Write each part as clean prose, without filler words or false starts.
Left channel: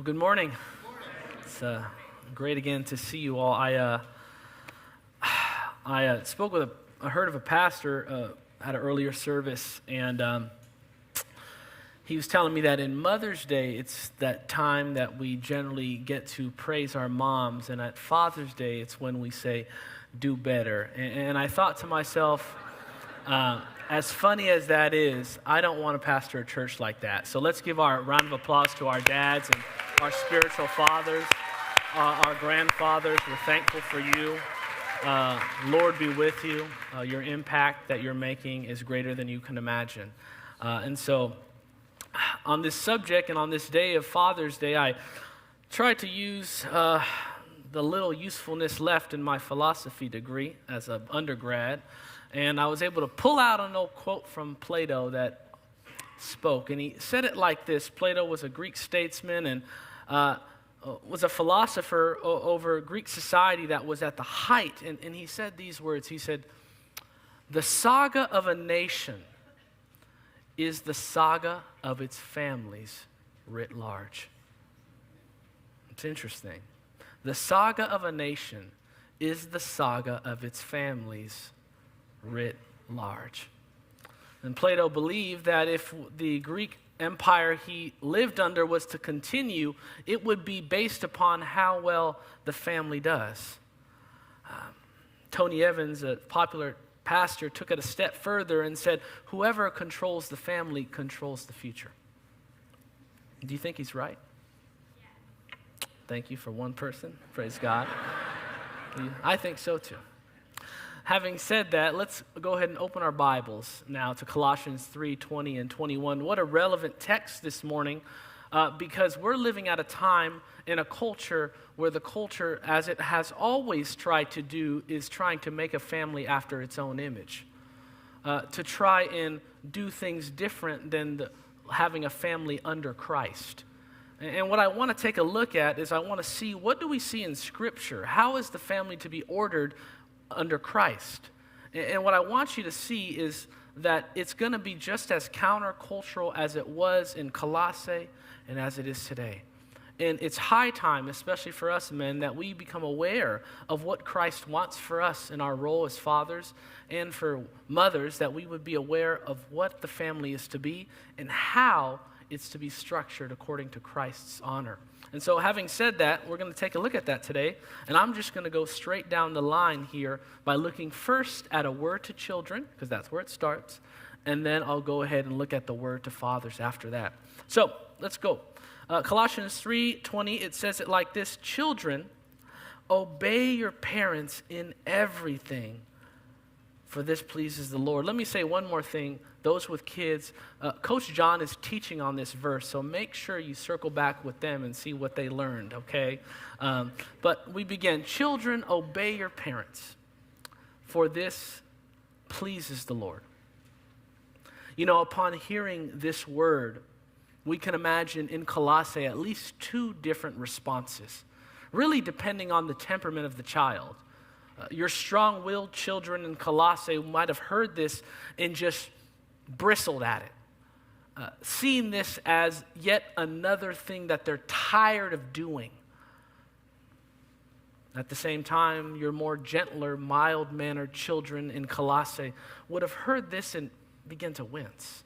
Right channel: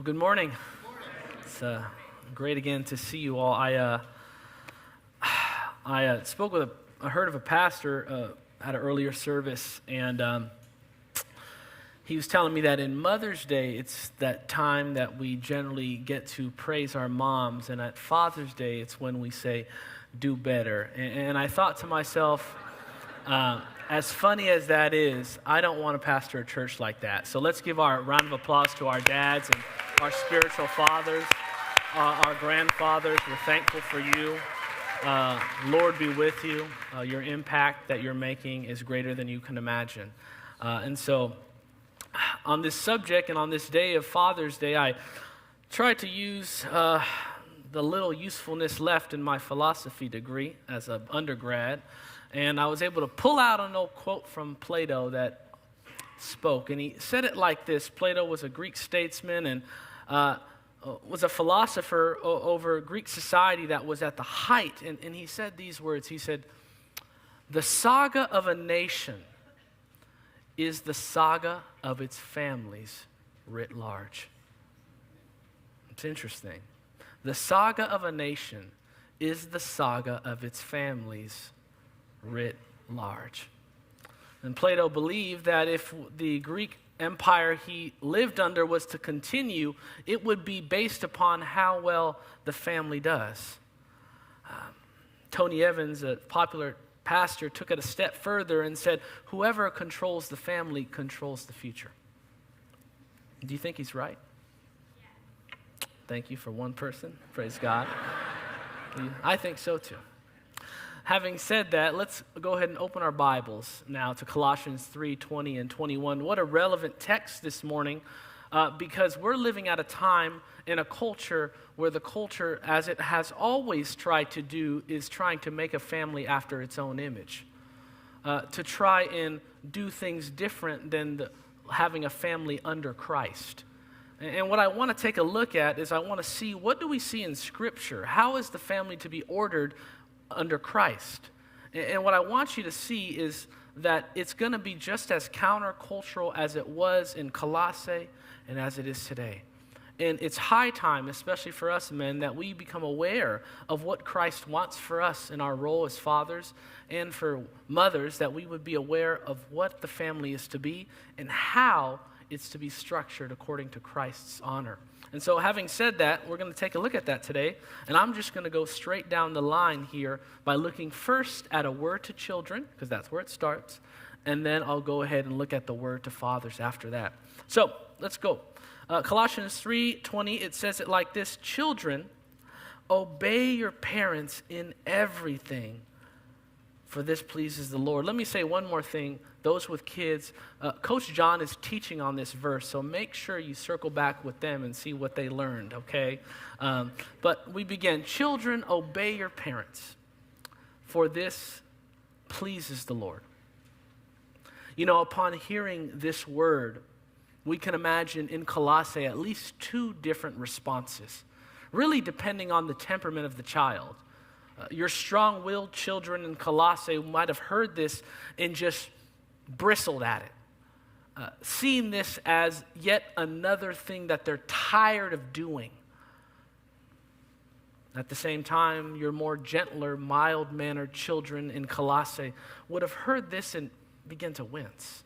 Well, good morning. It's great again to see you all. I heard of a pastor at an earlier service, and he was telling me that in Mother's Day, it's that time that we generally get to praise our moms, and at Father's Day, it's when we say, do better. And I thought to myself, as funny as that is, I don't want to pastor a church like that. So let's give our round of applause to our dads and our spiritual fathers, our grandfathers. We're thankful for you. Lord be with you. Your impact that you're making is greater than you can imagine. And so on this subject and on this day of Father's Day, I tried to use the little usefulness left in my philosophy degree as an undergrad. And I was able to pull out an old quote from Plato that spoke. And he said it like this. Plato was a Greek statesman and was a philosopher over Greek society that was at the height. And he said these words. He said, "The saga of a nation is the saga of its families writ large." It's interesting. The saga of a nation is the saga of its families writ large. And Plato believed that if the Greek empire he lived under was to continue, it would be based upon how well the family does. Tony Evans, a popular pastor, took it a step further and said, whoever controls the family controls the future. Do you think he's right? Thank you for one person. Praise God. I think so too. Having said that, let's go ahead and open our Bibles now to Colossians 3:20 and 21. What a relevant text this morning, because we're living at a time in a culture where the culture, as it has always tried to do, is trying to make a family after its own image, to try and do things different than having a family under Christ. And what I want to take a look at is I want to see, what do we see in Scripture? How is the family to be ordered under Christ? And what I want you to see is that it's going to be just as countercultural as it was in Colossae and as it is today. And it's high time, especially for us men, that we become aware of what Christ wants for us in our role as fathers, and for mothers, that we would be aware of what the family is to be and how it's to be structured according to Christ's honor. And so having said that, we're going to take a look at that today. And I'm just going to go straight down the line here by looking first at a word to children, because that's where it starts. And then I'll go ahead and look at the word to fathers after that. So let's go. Colossians 3:20, it says it like this: "Children, obey your parents in everything, for this pleases the Lord." Let me say one more thing. Those with kids, Coach John is teaching on this verse, so make sure you circle back with them and see what they learned, okay? But we begin. "Children, obey your parents, for this pleases the Lord." You know, upon hearing this word, we can imagine in Colossae at least two different responses, really depending on the temperament of the child. Your strong-willed children in Colossae might have heard this and just bristled at it, seeing this as yet another thing that they're tired of doing. At the same time, your more gentler, mild-mannered children in Colossae would have heard this and begin to wince.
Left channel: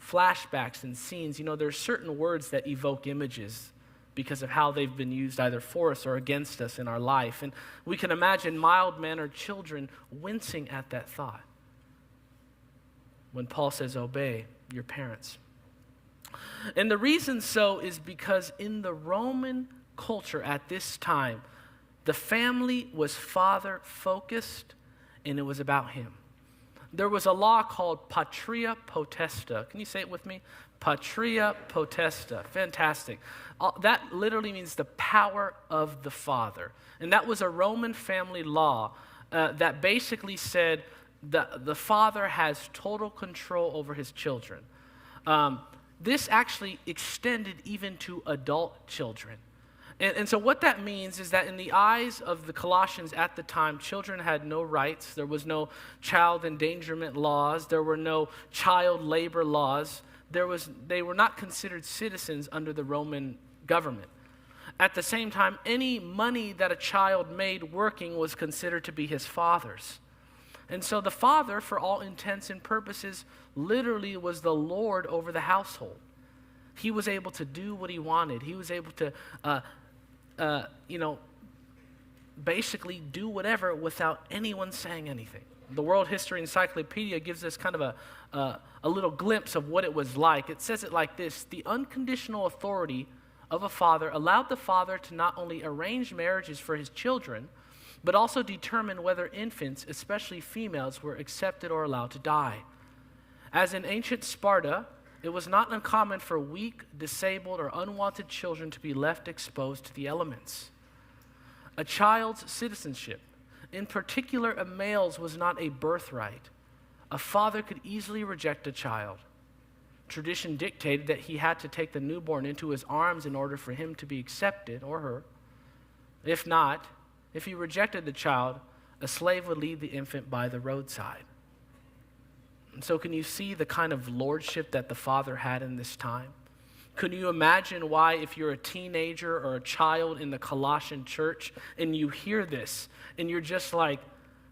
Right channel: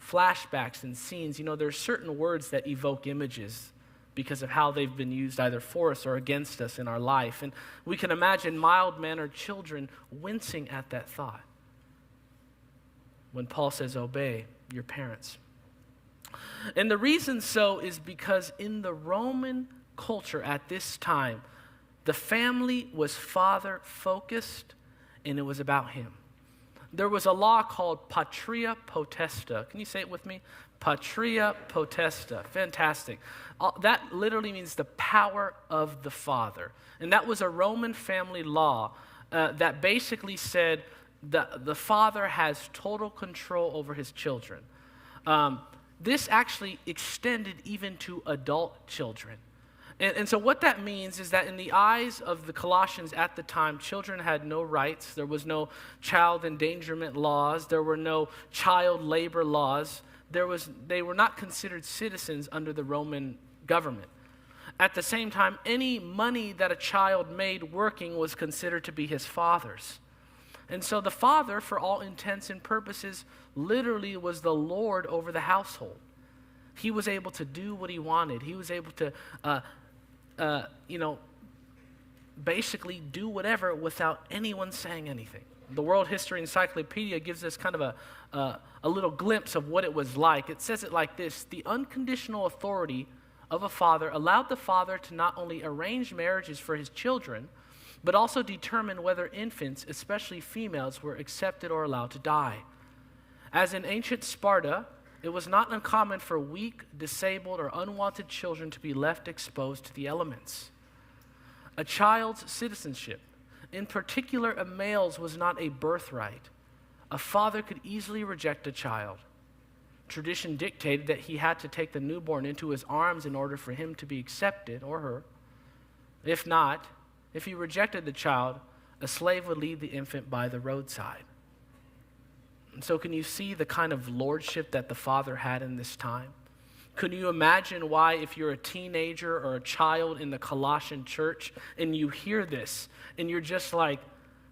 Flashbacks and scenes, there's certain words that evoke images because of how they've been used either for us or against us in our life. And we can imagine mild-mannered children wincing at that thought when Paul says, obey your parents. And the reason so is because in the Roman culture at this time, the family was father-focused, and it was about him. There was a law called patria potesta. Can you say it with me? Patria potesta. Fantastic. That literally means the power of the father. And that was a Roman family law that basically said that the father has total control over his children. This actually extended even to adult children. And so what that means is that in the eyes of the Colossians at the time, children had no rights. There was no child endangerment laws. There were no child labor laws. they were not considered citizens under the Roman government. At the same time, any money that a child made working was considered to be his father's. And so the father, for all intents and purposes, literally was the Lord over the household. He was able to do what he wanted. He was able to, basically do whatever without anyone saying anything. The World History Encyclopedia gives us kind of a little glimpse of what it was like. It says it like this: the unconditional authority of a father allowed the father to not only arrange marriages for his children, but also determine whether infants, especially females, were accepted or allowed to die. As in ancient Sparta, it was not uncommon for weak, disabled, or unwanted children to be left exposed to the elements. A child's citizenship, in particular a male's, was not a birthright. A father could easily reject a child. Tradition dictated that he had to take the newborn into his arms in order for him to be accepted, or her. If not, if he rejected the child, a slave would leave the infant by the roadside. And so can you see the kind of lordship that the father had in this time? Can you imagine why, if you're a teenager or a child in the Colossian church and you hear this and you're just like,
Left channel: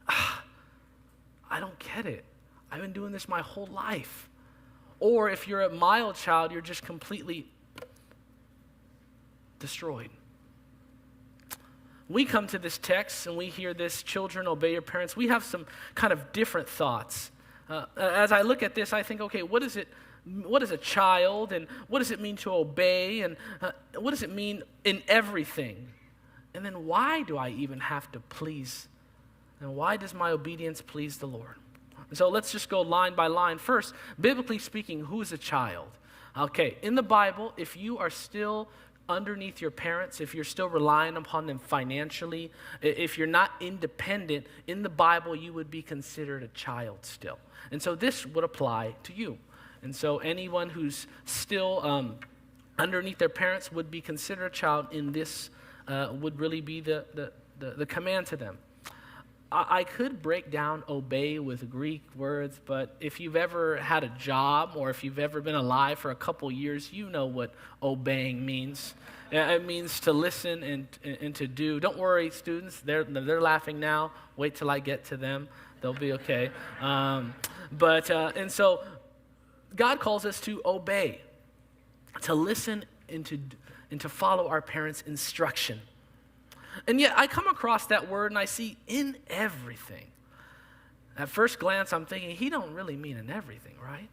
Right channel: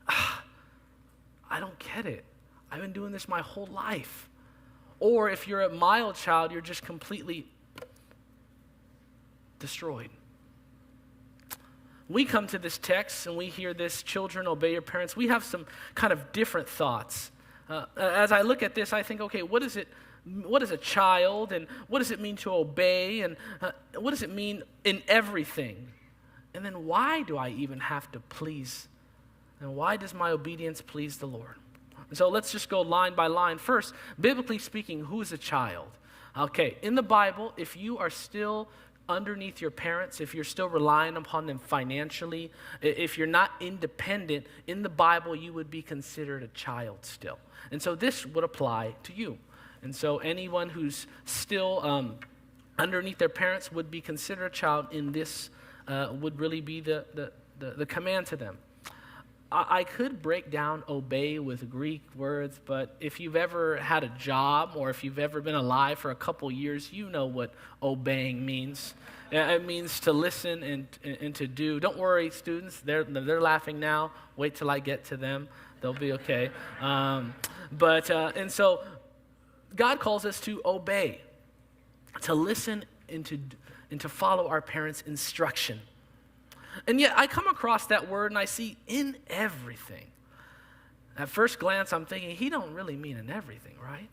I don't get it. I've been doing this my whole life. Or if you're a mild child, you're just completely destroyed. We come to this text and we hear this, children, obey your parents. We have some kind of different thoughts. As I look at this, I think, okay, what is a child, and what does it mean to obey, and what does it mean in everything? And then why do I even have to please? And why does my obedience please the Lord? So let's just go line by line. First, biblically speaking, who is a child? Okay, in the Bible, if you are still underneath your parents, if you're still relying upon them financially, if you're not independent, in the Bible you would be considered a child still. And so this would apply to you. And so anyone who's still underneath their parents would be considered a child, in this would really be the command to them. I could break down obey with Greek words, but if you've ever had a job or if you've ever been alive for a couple years, you know what obeying means. It means to listen and to do. Don't worry, students. They're laughing now. Wait till I get to them. They'll be okay. And so God calls us to obey, to listen and to follow our parents' instruction. And yet I come across that word and I see in everything. At first glance, I'm thinking, he don't really mean in everything, right?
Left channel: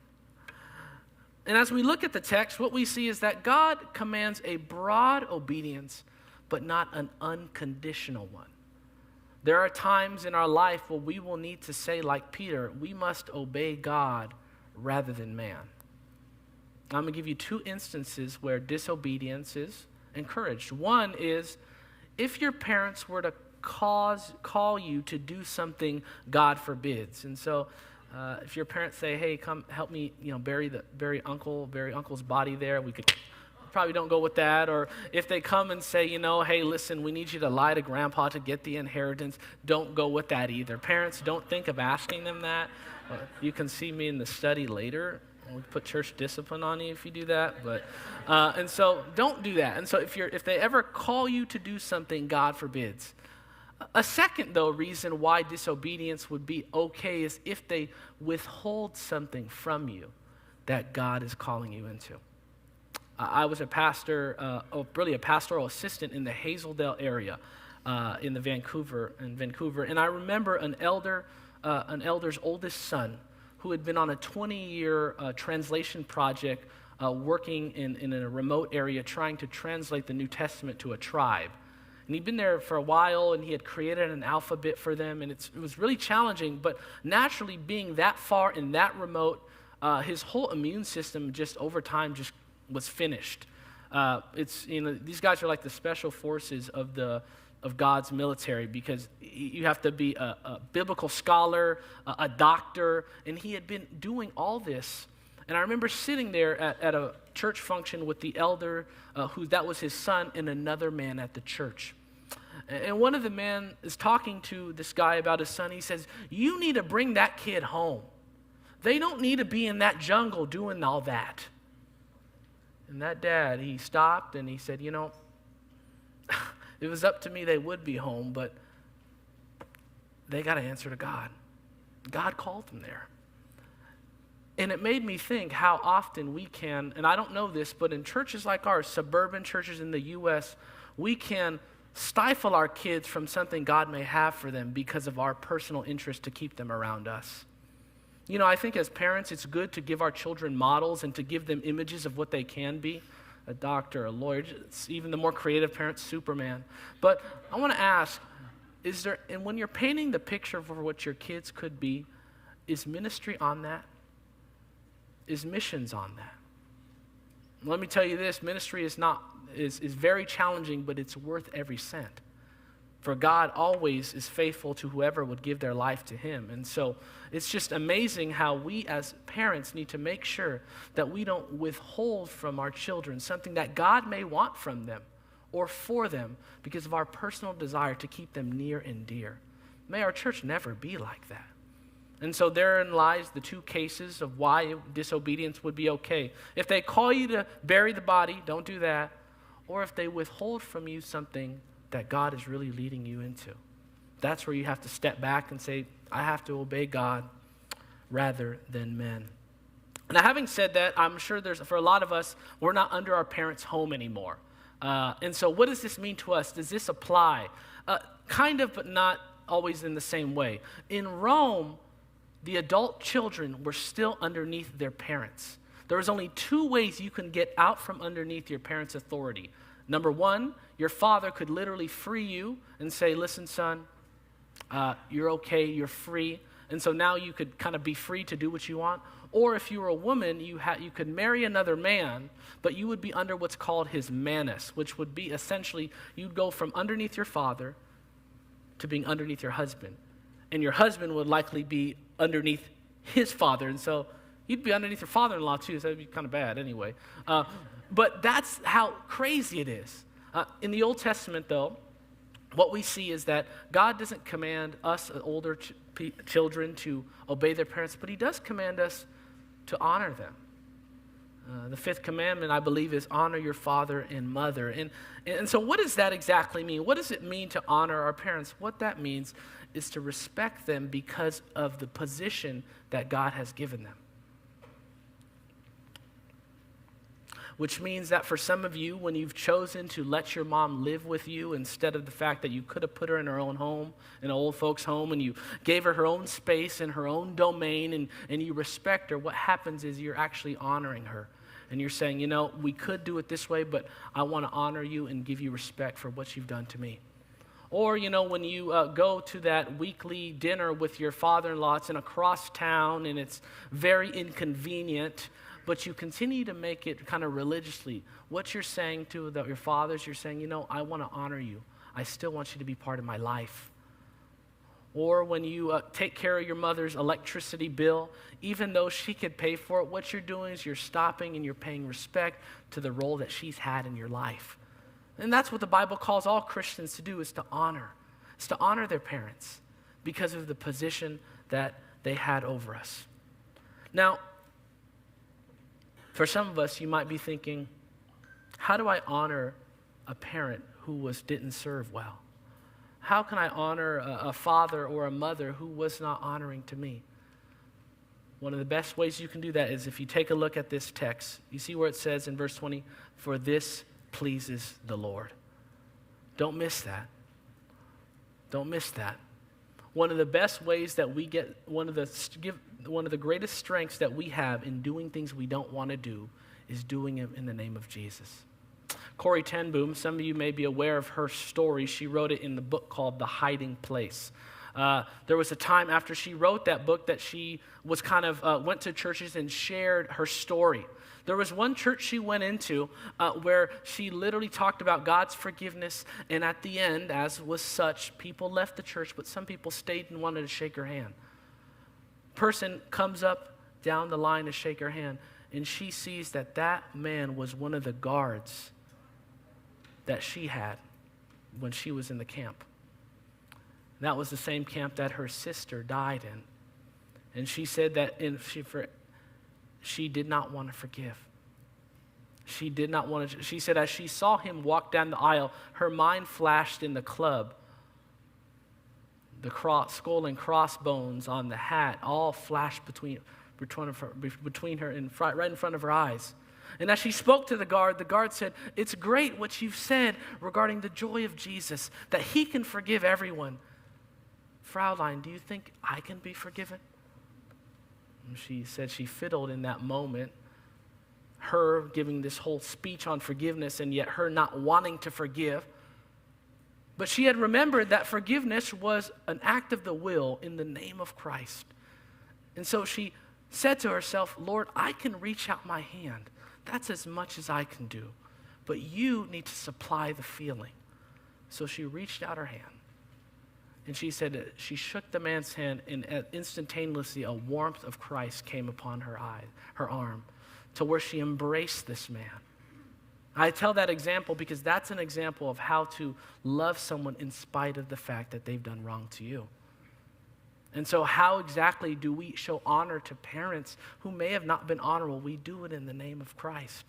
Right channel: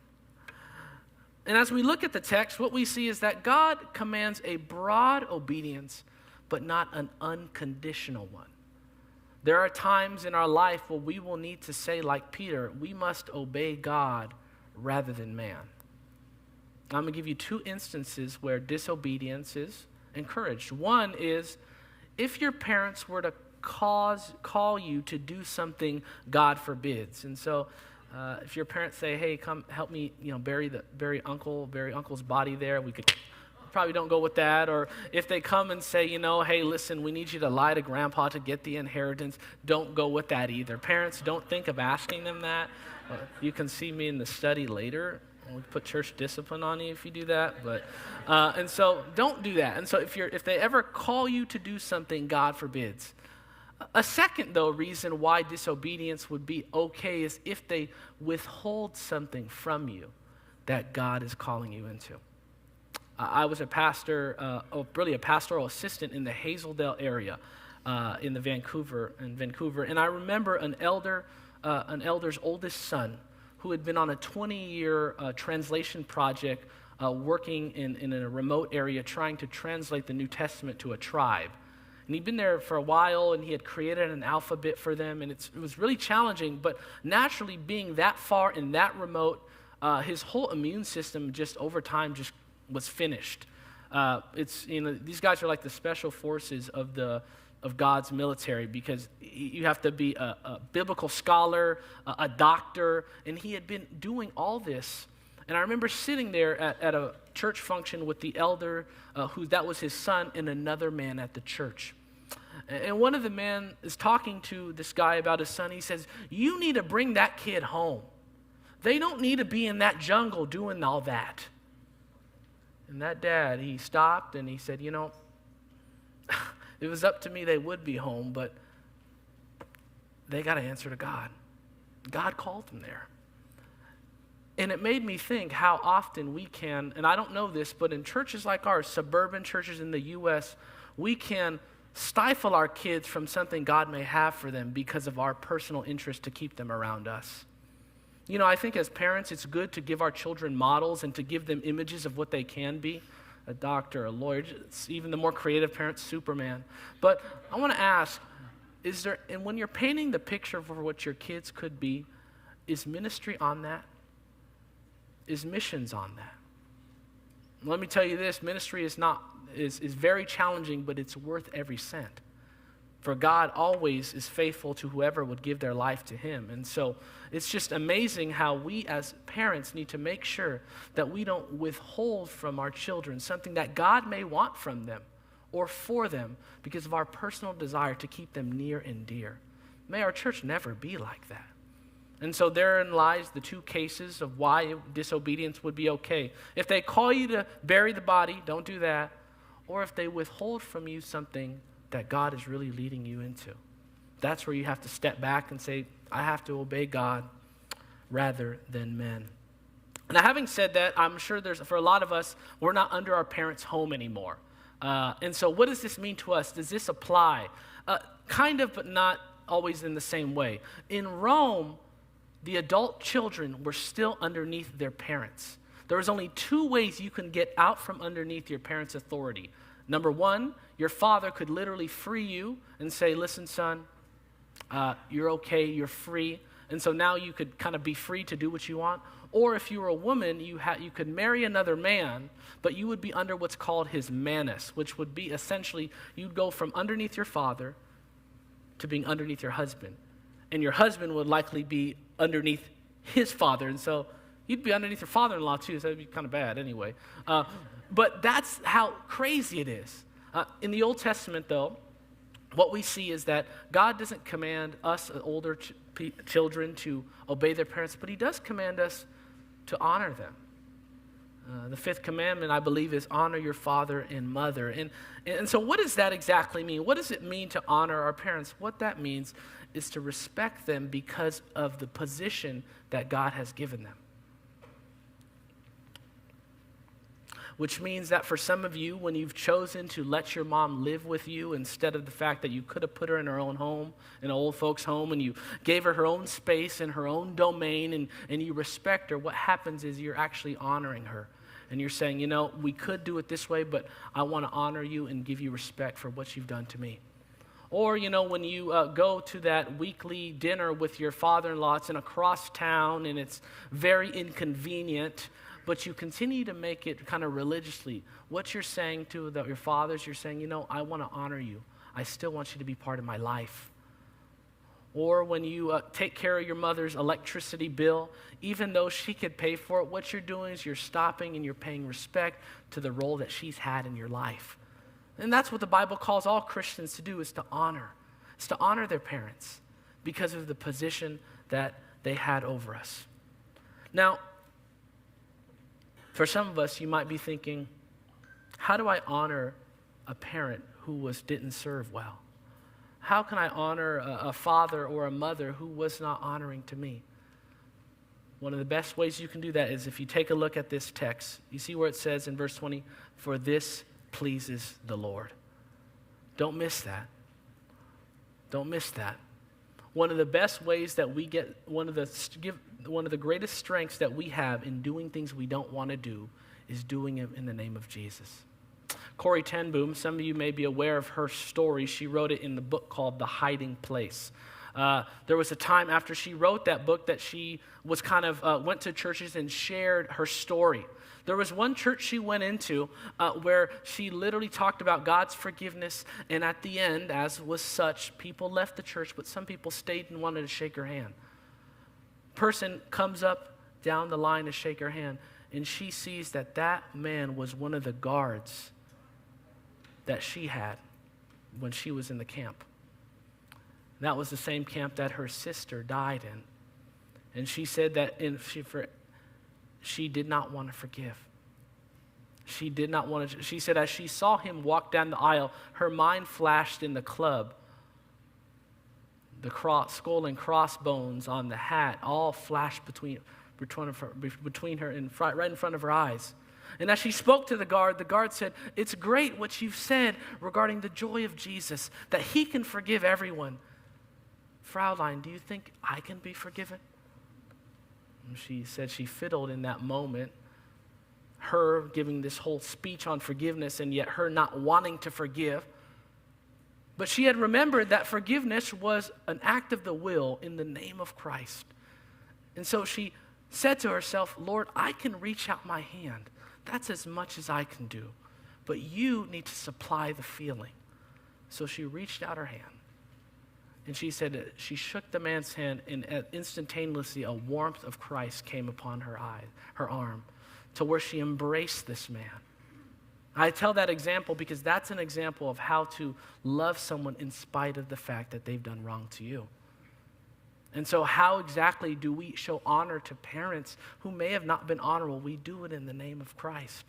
And as we look at the text, what we see is that God commands a broad obedience, but not an unconditional one. There are times in our life where we will need to say, like Peter, we must obey God rather than man. I'm going to give you two instances where disobedience is encouraged. One is if your parents were to call you to do something God forbids. And so if your parents say, hey, come help me, bury uncle's body there, we could probably don't go with that. Or if they come and say, hey, listen, we need you to lie to grandpa to get the inheritance, don't go with that either. Parents, don't think of asking them that. You can see me in the study later. We put church discipline on you if you do that. And so don't do that. And so if they ever call you to do something God forbids. A second, though, reason why disobedience would be okay is if they withhold something from you that God is calling you into. I was a pastor, really a pastoral assistant in the Hazeldale area in Vancouver, and I remember an elder's oldest son who had been on a 20-year translation project working in a remote area trying to translate the New Testament to a tribe. And he'd been there for a while, and he had created an alphabet for them, and it was really challenging. But naturally, being that far and that remote, his whole immune system just over time just was finished. These guys are like the special forces of God's military, because you have to be a biblical scholar, a doctor, and he had been doing all this. And I remember sitting there at a church function with the elder, that was his son, and another man at the church. And one of the men is talking to this guy about his son. He says, you need to bring that kid home. They don't need to be in that jungle doing all that. And that dad, he stopped and he said, it was up to me, they would be home, but they got to answer to God. God called them there. And it made me think how often we can, and I don't know this, but in churches like ours, suburban churches in the U.S., we can stifle our kids from something God may have for them because of our personal interest to keep them around us. I think as parents, it's good to give our children models and to give them images of what they can be. A doctor, a lawyer, even the more creative parents, Superman. But I want to ask, and when you're painting the picture for what your kids could be, is ministry on that? Is missions on that? Let me tell you this, ministry is very challenging, but it's worth every cent. For God always is faithful to whoever would give their life to him. And so it's just amazing how we as parents need to make sure that we don't withhold from our children something that God may want from them or for them because of our personal desire to keep them near and dear. May our church never be like that. And so therein lies the two cases of why disobedience would be okay. If they call you to bury the body, don't do that. Or if they withhold from you something that God is really leading you into. That's where you have to step back and say, I have to obey God rather than men. Now, having said that, I'm sure for a lot of us, we're not under our parents' home anymore. And so what does this mean to us? Does this apply? Kind of, but not always in the same way. In Rome, the adult children were still underneath their parents. There was only two ways you can get out from underneath your parents' authority. Number one, your father could literally free you and say, listen, son, you're okay, you're free. And so now you could kind of be free to do what you want. Or if you were a woman, you could marry another man, but you would be under what's called his manus, which would be essentially you'd go from underneath your father to being underneath your husband. And your husband would likely be underneath his father. And so you'd be underneath your father-in-law too, so that'd be kind of bad anyway. But that's how crazy it is. In the Old Testament, though, what we see is that God doesn't command us older children to obey their parents, but he does command us to honor them. The fifth commandment, I believe, is honor your father and mother. And so what does that exactly mean? What does it mean to honor our parents? What that means is to respect them because of the position that God has given them. Which means that for some of you, when you've chosen to let your mom live with you instead of the fact that you could have put her in her own home, in an old folks' home, and you gave her own space and her own domain, and you respect her, what happens is you're actually honoring her. And you're saying, we could do it this way, but I want to honor you and give you respect for what you've done to me. Or, when you go to that weekly dinner with your father-in-law, it's in across town and it's very inconvenient, but you continue to make it kind of religiously. What you're saying to your fathers, you're saying, I want to honor you. I still want you to be part of my life. Or when you take care of your mother's electricity bill, even though she could pay for it, what you're doing is you're stopping and you're paying respect to the role that she's had in your life. And that's what the Bible calls all Christians to do, is to honor. It's to honor their parents because of the position that they had over us. Now, for some of us, you might be thinking, how do I honor a parent who didn't serve well? How can I honor a father or a mother who was not honoring to me? One of the best ways you can do that is if you take a look at this text. You see where it says in verse 20, for this pleases the Lord. Don't miss that. Don't miss that. One of the best ways that we get, one of the greatest strengths that we have in doing things we don't want to do is doing them in the name of Jesus. Corrie ten Boom, some of you may be aware of her story. She wrote it in the book called The Hiding Place. There was a time after she wrote that book that she was went to churches and shared her story. There was one church she went into where she literally talked about God's forgiveness, and at the end, as was such, people left the church, but some people stayed and wanted to shake her hand. Person comes up down the line to shake her hand, and she sees that man was one of the guards that she had when she was in the camp. And that was the same camp that her sister died in. And she said that she did not want to forgive. She did not want to. She said as she saw him walk down the aisle, her mind flashed in the club. The skull and crossbones on the hat all flashed between her and right in front of her eyes. And as she spoke to the guard said, "It's great what you've said regarding the joy of Jesus, that he can forgive everyone. Fraulein, do you think I can be forgiven?" And she said she fiddled in that moment, her giving this whole speech on forgiveness and yet her not wanting to forgive. But she had remembered that forgiveness was an act of the will in the name of Christ. And so she said to herself, "Lord, I can reach out my hand. That's as much as I can do. But you need to supply the feeling." So she reached out her hand. And she said that she shook the man's hand, and instantaneously a warmth of Christ came upon her arm, to where she embraced this man. I tell that example because that's an example of how to love someone in spite of the fact that they've done wrong to you. And so how exactly do we show honor to parents who may have not been honorable? We do it in the name of Christ.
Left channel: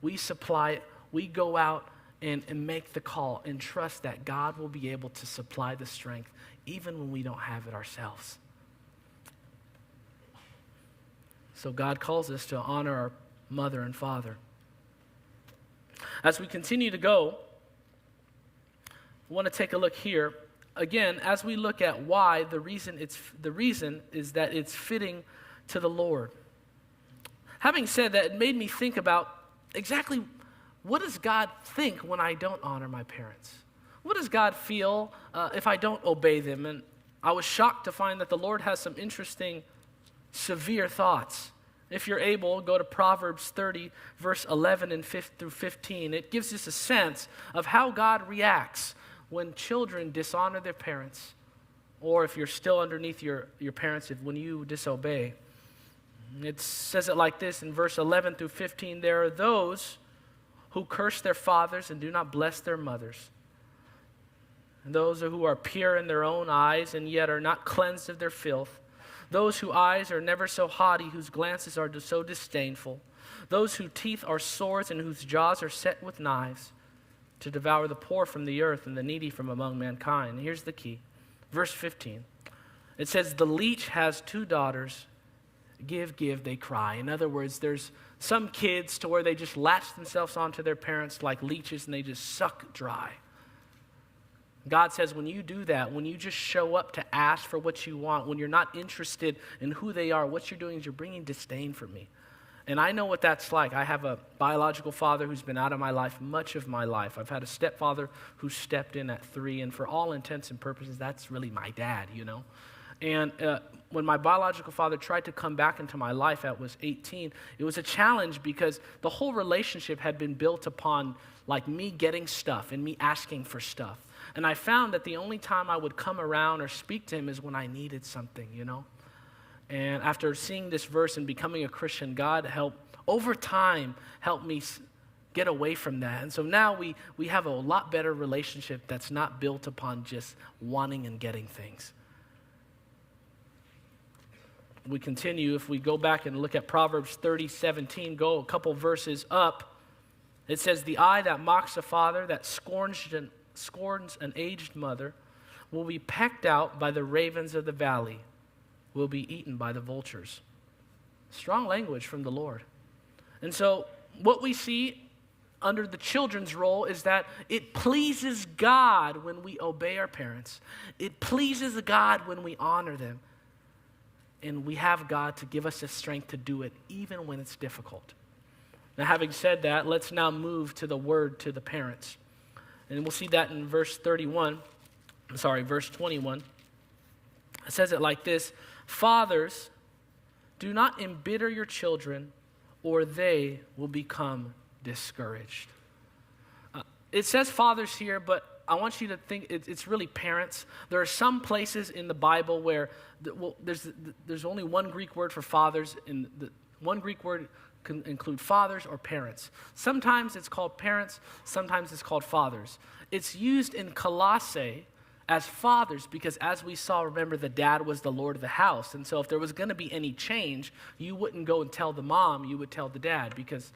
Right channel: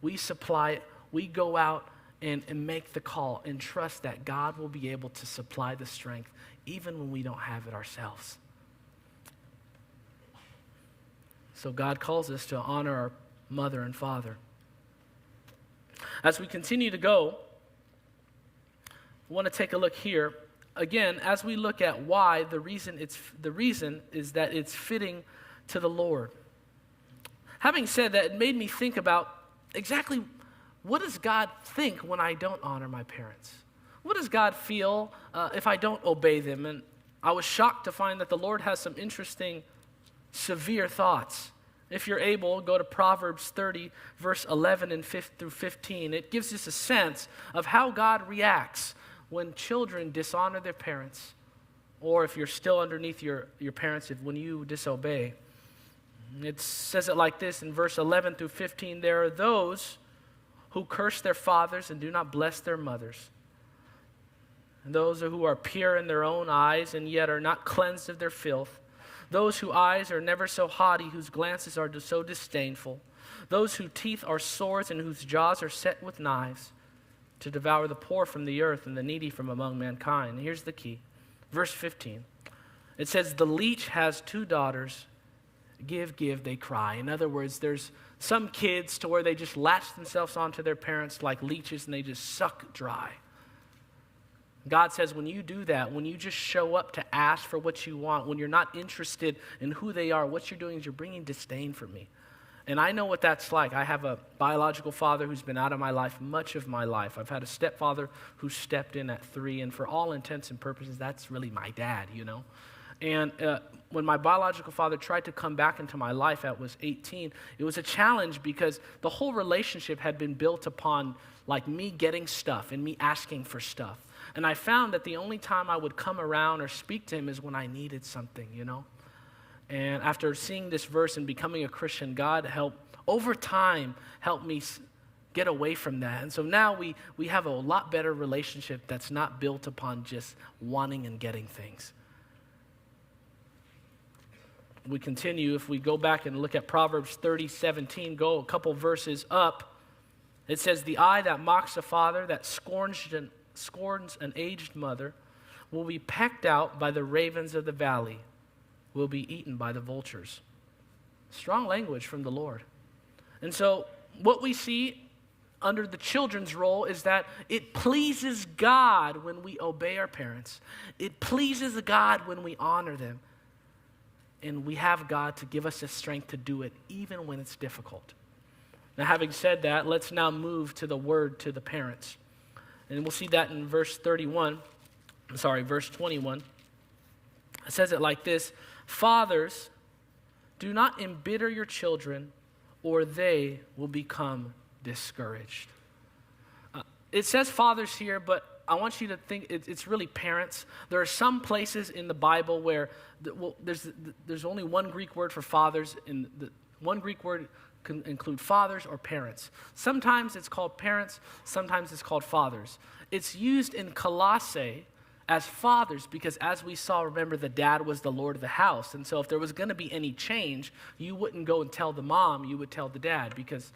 We supply it. We go out and make the call and trust that God will be able to supply the strength even when we don't have it ourselves. So God calls us to honor our mother and father. As we continue to go, I want to take a look here. Again, as we look at why, the reason is that it's fitting to the Lord. Having said that, it made me think about exactly what does God think when I don't honor my parents? What does God feel if I don't obey them? And I was shocked to find that the Lord has some interesting, severe thoughts. If you're able, go to Proverbs 30, verse 11 and 5 through 15. It gives us a sense of how God reacts when children dishonor their parents, or if you're still underneath your parents, when you disobey. It says it like this in verse 11 through 15. "There are those who curse their fathers and do not bless their mothers. And those who are pure in their own eyes and yet are not cleansed of their filth. Those whose eyes are never so haughty, whose glances are so disdainful. Those whose teeth are swords and whose jaws are set with knives, to devour the poor from the earth and the needy from among mankind." And here's the key. Verse 15. It says, "The leech has 2 daughters. Give, give, they cry." In other words, there's some kids to where they just latch themselves onto their parents like leeches and they just suck dry. God says when you do that, when you just show up to ask for what you want, when you're not interested in who they are, what you're doing is you're bringing disdain for me. And I know what that's like. I have a biological father who's been out of my life much of my life. I've had a stepfather who stepped in at 3, and for all intents and purposes, that's really my dad, you know. And when my biological father tried to come back into my life at was 18, it was a challenge because the whole relationship had been built upon like me getting stuff and me asking for stuff. And I found that the only time I would come around or speak to him is when I needed something, you know. And after seeing this verse and becoming a Christian, God over time, helped me get away from that. And so now we have a lot better relationship that's not built upon just wanting and getting things. We continue, if we go back and look at Proverbs 30:17, go a couple verses up. It says, "The eye that mocks a father, that scorns an aged mother, will be pecked out by the ravens of the valley, will be eaten by the vultures." Strong language from the Lord. And so what we see under the children's role is that it pleases God when we obey our parents. It pleases God when we honor them. And we have God to give us the strength to do it even when it's difficult. Now, having said that, let's now move to the word to the parents. And we'll see that in verse 21. Verse 21. It says it like this: "Fathers, do not embitter your children, or they will become discouraged." It says fathers here, but I want you to think it's really parents. There are some places in the Bible where there's only one Greek word for fathers, and the one Greek word can include fathers or parents. Sometimes it's called parents, sometimes it's called fathers. It's used in Colossae as fathers, because as we saw, remember, the dad was the Lord of the house. And so if there was going to be any change, you wouldn't go and tell the mom, you would tell the dad, because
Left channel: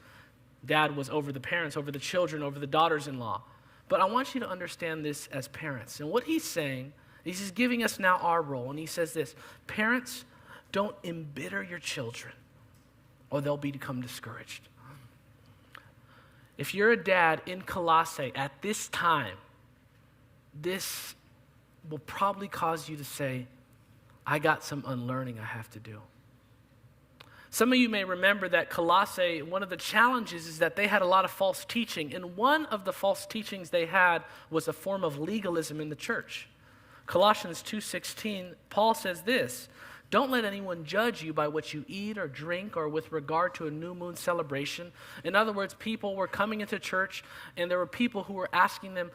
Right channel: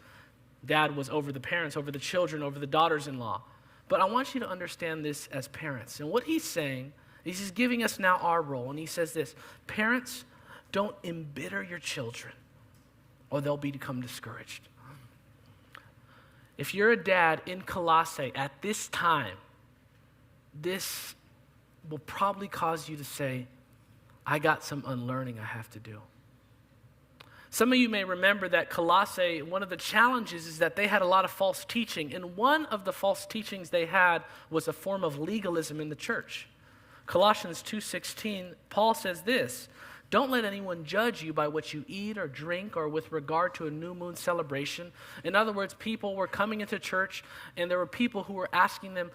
dad was over the parents, over the children, over the daughters-in-law. But I want you to understand this as parents. And what he's saying is he's giving us now our role. And he says this: parents, don't embitter your children, or they'll become discouraged. If you're a dad in Colossae at this time, this will probably cause you to say, I got some unlearning I have to do. Some of you may remember that Colossae, one of the challenges is that they had a lot of false teaching. And one of the false teachings they had was a form of legalism in the church. Colossians 2:16, Paul says this: don't let anyone judge you by what you eat or drink or with regard to a new moon celebration. In other words, people were coming into church and there were people who were asking them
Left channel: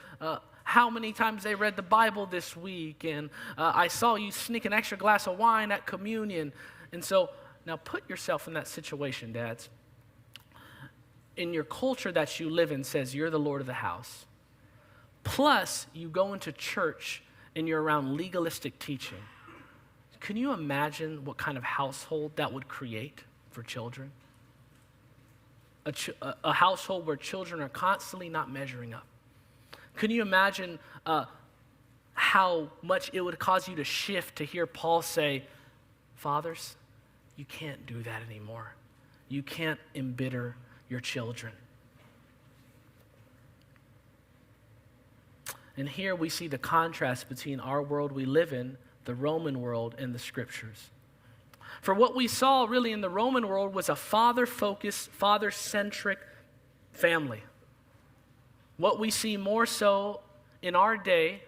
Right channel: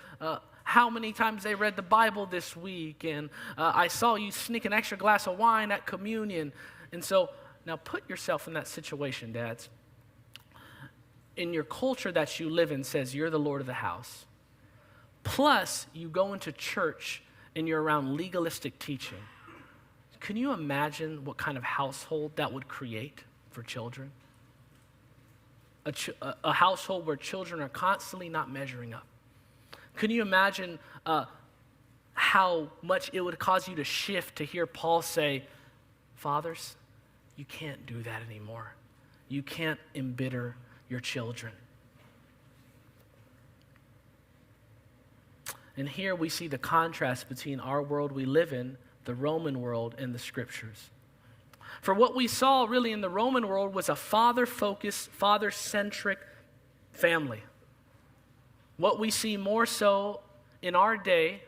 how many times they read the Bible this week. And I saw you sneak an extra glass of wine at communion. And so now put yourself in that situation, dads. In your culture that you live in says you're the Lord of the house. Plus, you go into church and you're around legalistic teaching. Can you imagine what kind of household that would create for children? A household where children are constantly not measuring up. Can you imagine how much it would cause you to shift to hear Paul say, fathers, you can't do that anymore. You can't embitter your children. And here we see the contrast between our world we live in, the Roman world, and the scriptures. For what we saw really in the Roman world was a father-focused, father-centric family. What we see more so in our day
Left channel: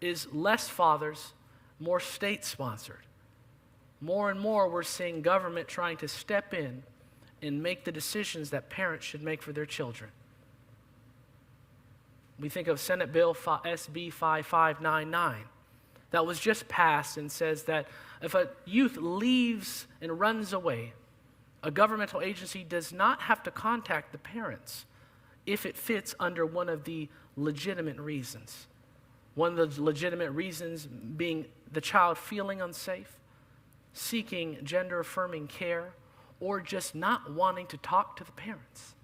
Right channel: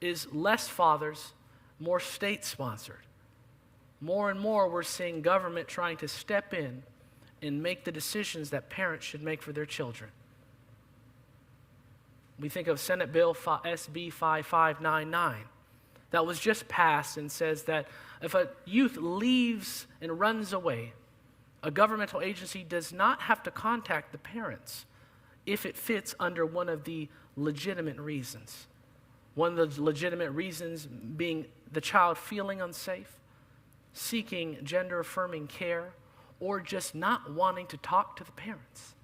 is less fathers, more state-sponsored. More and more we're seeing government trying to step in and make the decisions that parents should make for their children. We think of Senate Bill SB 5599 that was just passed and says that if a youth leaves and runs away, a governmental agency does not have to contact the parents if it fits under one of the legitimate reasons. One of the legitimate reasons being the child feeling unsafe, seeking gender-affirming care, or just not wanting to talk to the parents.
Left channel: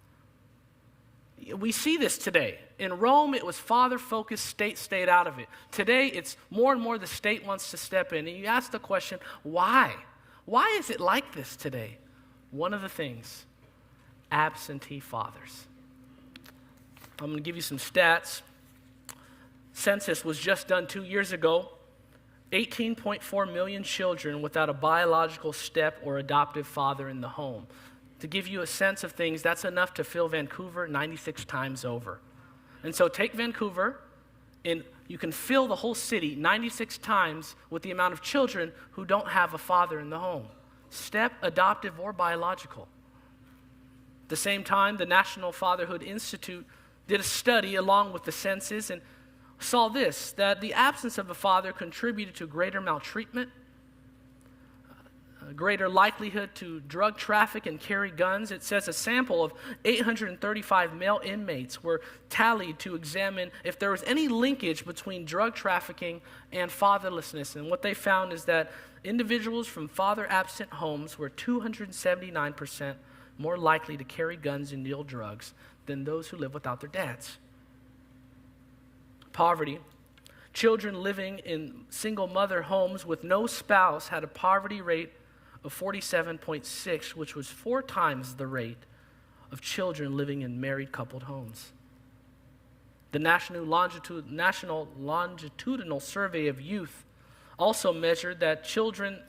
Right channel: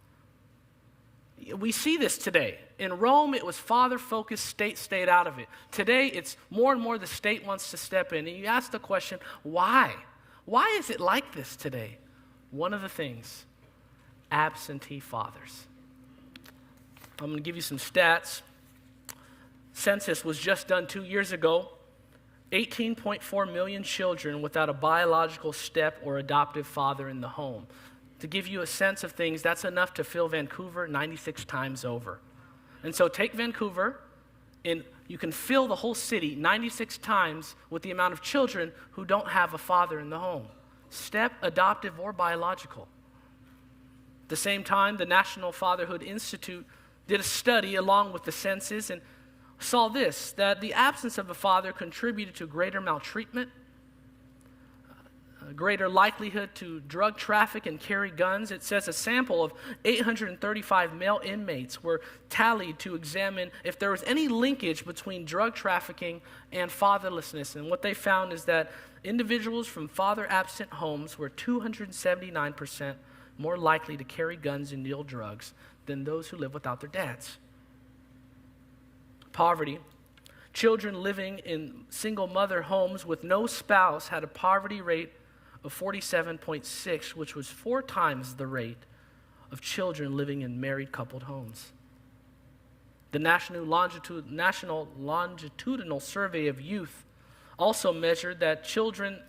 We see this today. In Rome, it was father-focused, state stayed out of it. Today, it's more and more the state wants to step in. And you ask the question, why? Why is it like this today? One of the things, absentee fathers. I'm going to give you some stats. Census was just done 2 years ago. 18.4 million children without a biological step or adoptive father in the home. To give you a sense of things, that's enough to fill Vancouver 96 times over. And so take Vancouver, and you can fill the whole city 96 times with the amount of children who don't have a father in the home. Step, adoptive, or biological. At the same time, the National Fatherhood Institute did a study along with the census and saw this, that the absence of a father contributed to greater maltreatment, greater likelihood to drug traffic and carry guns. It says a sample of 835 male inmates were tallied to examine if there was any linkage between drug trafficking and fatherlessness. And what they found is that individuals from father-absent homes were 279% more likely to carry guns and deal drugs than those who live without their dads. Poverty. Children living in single mother homes with no spouse had a poverty rate of 47.6, which was 4 times the rate of children living in married coupled homes. The National Longitudinal Survey of Youth also measured that children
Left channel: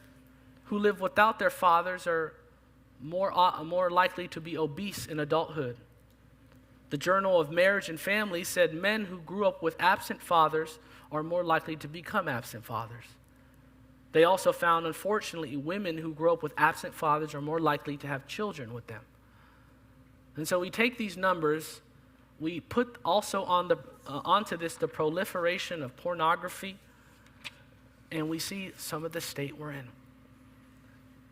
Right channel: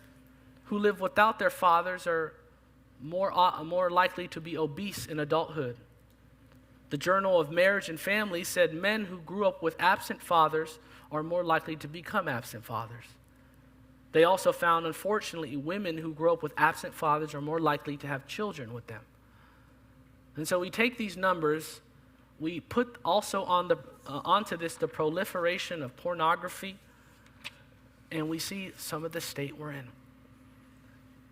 who live without their fathers are more likely to be obese in adulthood. The Journal of Marriage and Family said men who grew up with absent fathers are more likely to become absent fathers. They also found, unfortunately, women who grow up with absent fathers are more likely to have children with them. And so we take these numbers, we put also onto this the proliferation of pornography, and we see some of the state we're in.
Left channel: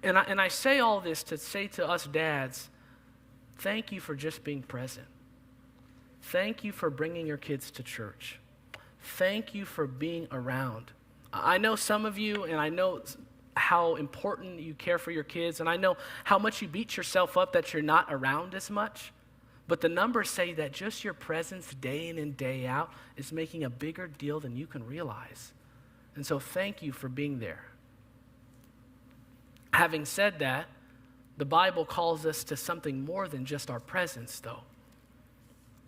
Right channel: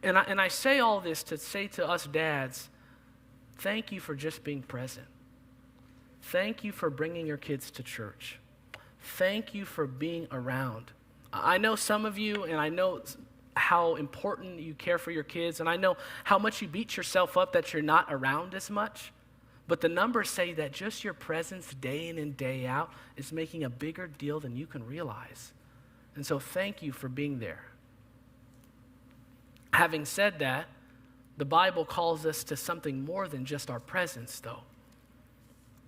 And I say all this to say to us dads, thank you for just being present. Thank you for bringing your kids to church. thank you for being around. I know some of you, and I know how important you care for your kids, and I know how much you beat yourself up that you're not around as much. But the numbers say that just your presence day in and day out is making a bigger deal than you can realize. And so thank you for being there. Having said that, the Bible calls us to something more than just our presence, though.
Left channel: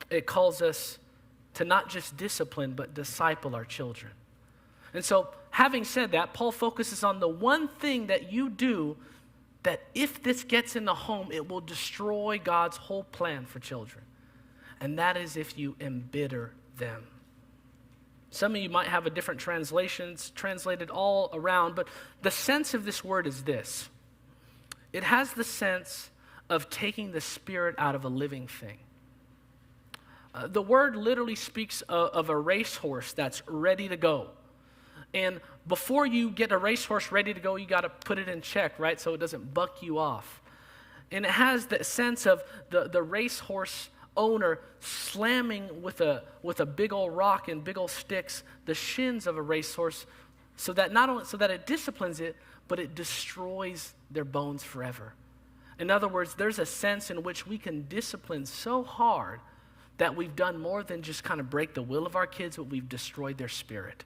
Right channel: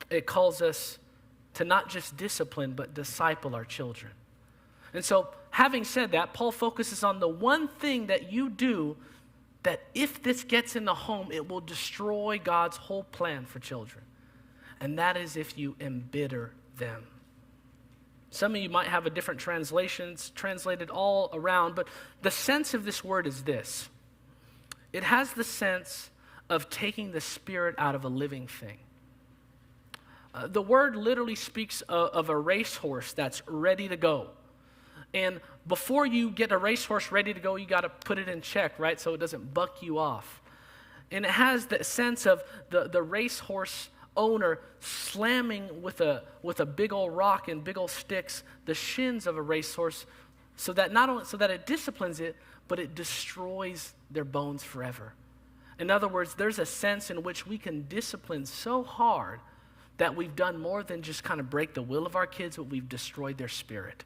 It calls us to not just discipline, but disciple our children. And so, having said that, Paul focuses on the one thing that you do that if this gets in the home, it will destroy God's whole plan for children. And that is if you embitter them. Some of you might have a different translations translated all around, but the sense of this word is this. It has the sense of taking the spirit out of a living thing. The word literally speaks of a racehorse that's ready to go. And before you get a racehorse ready to go, you got to put it in check, right? So it doesn't buck you off. And it has the sense of the racehorse owner slamming with a big old rock and big old sticks the shins of a racehorse so that not only so that it disciplines it, but it destroys their bones forever. In other words, there's a sense in which we can discipline so hard that we've done more than just kind of break the will of our kids, but we've destroyed their spirit.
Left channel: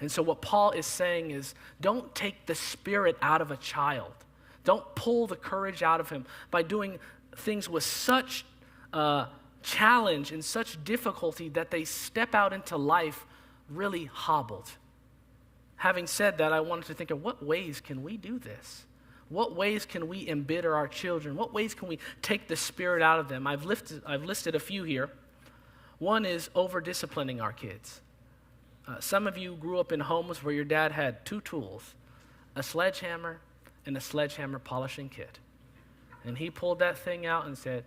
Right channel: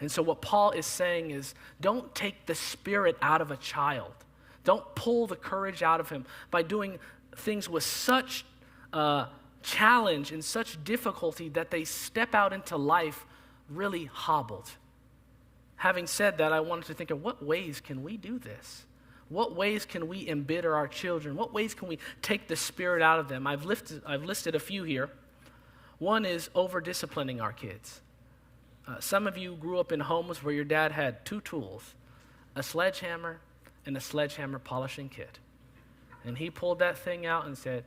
And so what Paul is saying is, don't take the spirit out of a child. Don't pull the courage out of him by doing things with such challenge and such difficulty that they step out into life really hobbled. Having said that, I wanted to think of what ways can we do this? What ways can we embitter our children? What ways can we take the spirit out of them? I've listed a few here. One is over-disciplining our kids. Some of you grew up in homes where your dad had two tools, a sledgehammer and a sledgehammer polishing kit. And he pulled that thing out and said,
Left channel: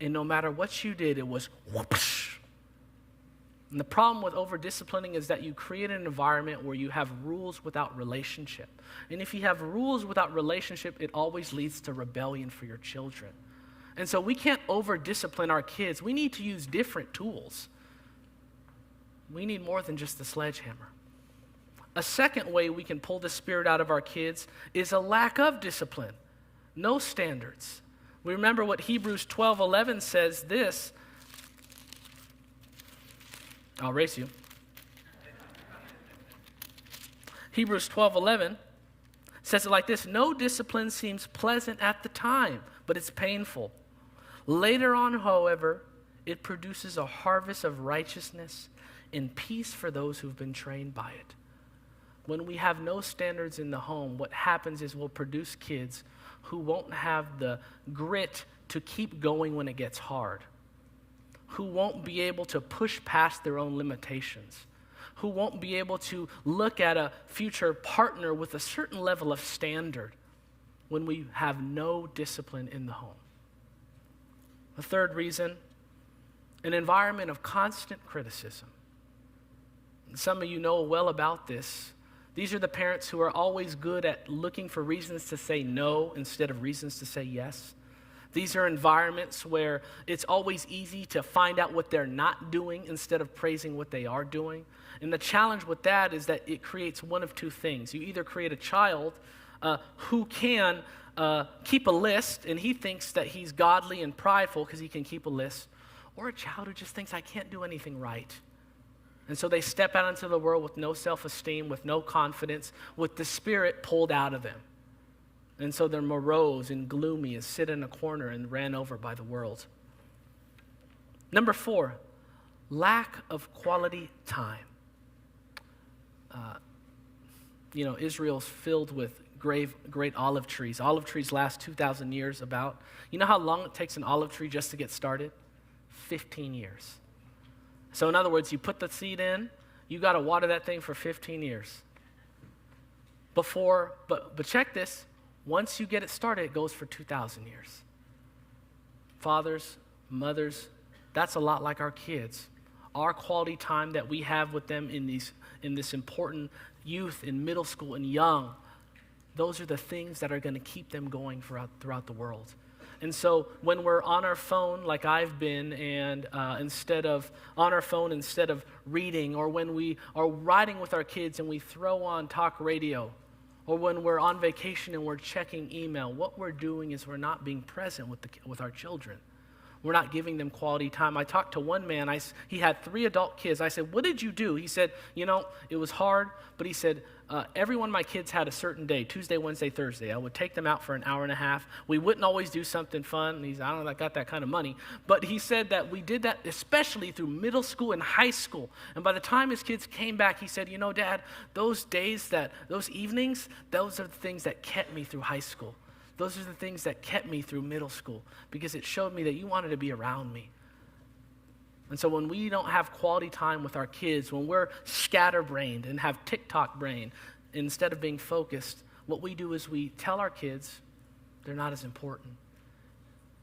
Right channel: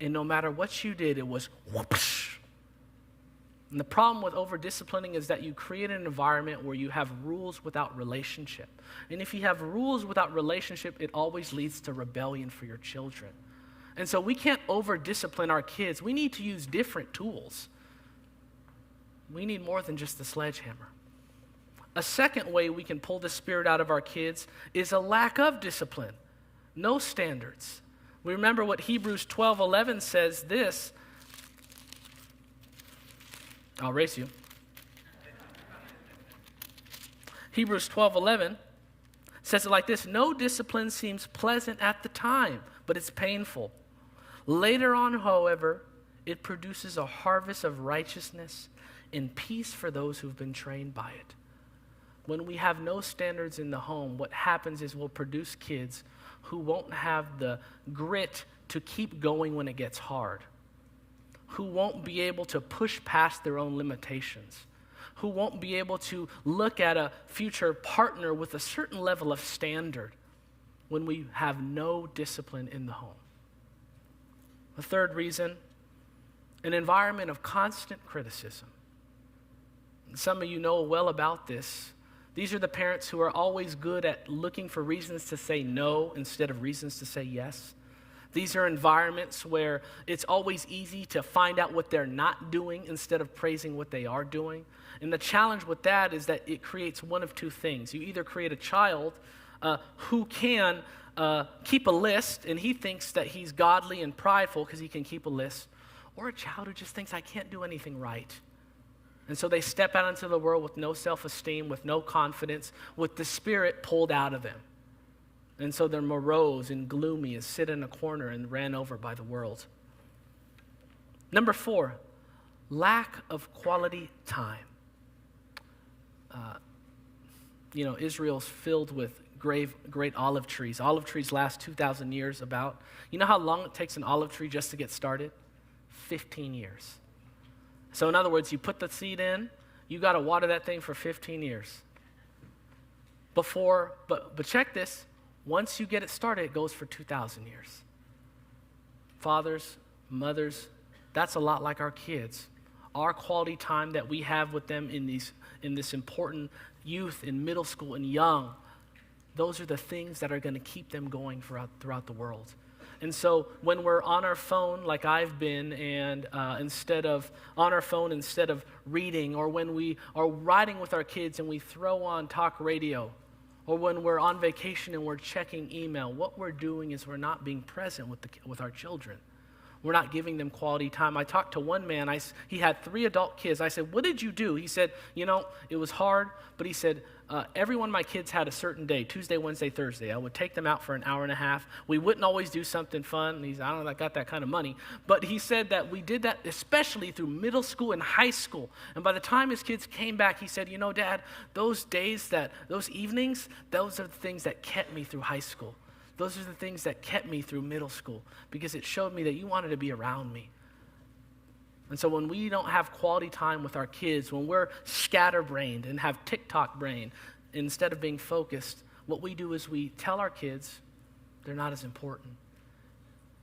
and no matter what you did, it was whoosh. And the problem with over-disciplining is that you create an environment where you have rules without relationship. And if you have rules without relationship, it always leads to rebellion for your children. And so we can't over-discipline our kids. We need to use different tools. We need more than just the sledgehammer. A second way we can pull the spirit out of our kids is a lack of discipline. No standards. We remember what Hebrews 12:11 says this. I'll race you. Hebrews 12:11 says it like this. No discipline seems pleasant at the time, but it's painful. Later on, however, it produces a harvest of righteousness and peace for those who've been trained by it. When we have no standards in the home, what happens is we'll produce kids who won't have the grit to keep going when it gets hard, who won't be able to push past their own limitations, who won't be able to look at a future partner with a certain level of standard when we have no discipline in the home. The third reason, an environment of constant criticism. Some of you know well about this. These are the parents who are always good at looking for reasons to say no instead of reasons to say yes. These are environments where it's always easy to find out what they're not doing instead of praising what they are doing. And the challenge with that is that it creates one of two things. You either create a child who can keep a list, and he thinks that he's godly and prideful because he can keep a list, or a child who just thinks, I can't do anything right. And so they step out into the world with no self-esteem, with no confidence, with the spirit pulled out of them. And so they're morose and gloomy and sit in a corner and ran over by the world. Number 4, lack of quality time. Israel's filled with great olive trees. Olive trees last 2,000 years about. You know how long it takes an olive tree just to get started? 15 years. So in other words, you put the seed in, you got to water that thing for 15 years. But check this, once you get it started, it goes for 2,000 years. Fathers, mothers, that's a lot like our kids. Our quality time that we have with them in this important youth, in middle school and young, those are the things that are going to keep them going throughout the world. And so when we're on our phone, like I've been, and instead of reading, or when we are riding with our kids and we throw on talk radio, or when we're on vacation and we're checking email, what we're doing is we're not being present with our children. We're not giving them quality time. I talked to one man. He had 3 adult kids. I said, what did you do? He said, it was hard, but he said, every one of my kids had a certain day, Tuesday, Wednesday, Thursday. I would take them out for an hour and a half. We wouldn't always do something fun. I don't know if I got that kind of money. But he said that we did that especially through middle school and high school. And by the time his kids came back, he said, Dad, those evenings, those are the things that kept me through high school. Those are the things that kept me through middle school, because it showed me that you wanted to be around me. And so when we don't have quality time with our kids, when we're scatterbrained and have TikTok brain, instead of being focused, what we do is we tell our kids they're not as important.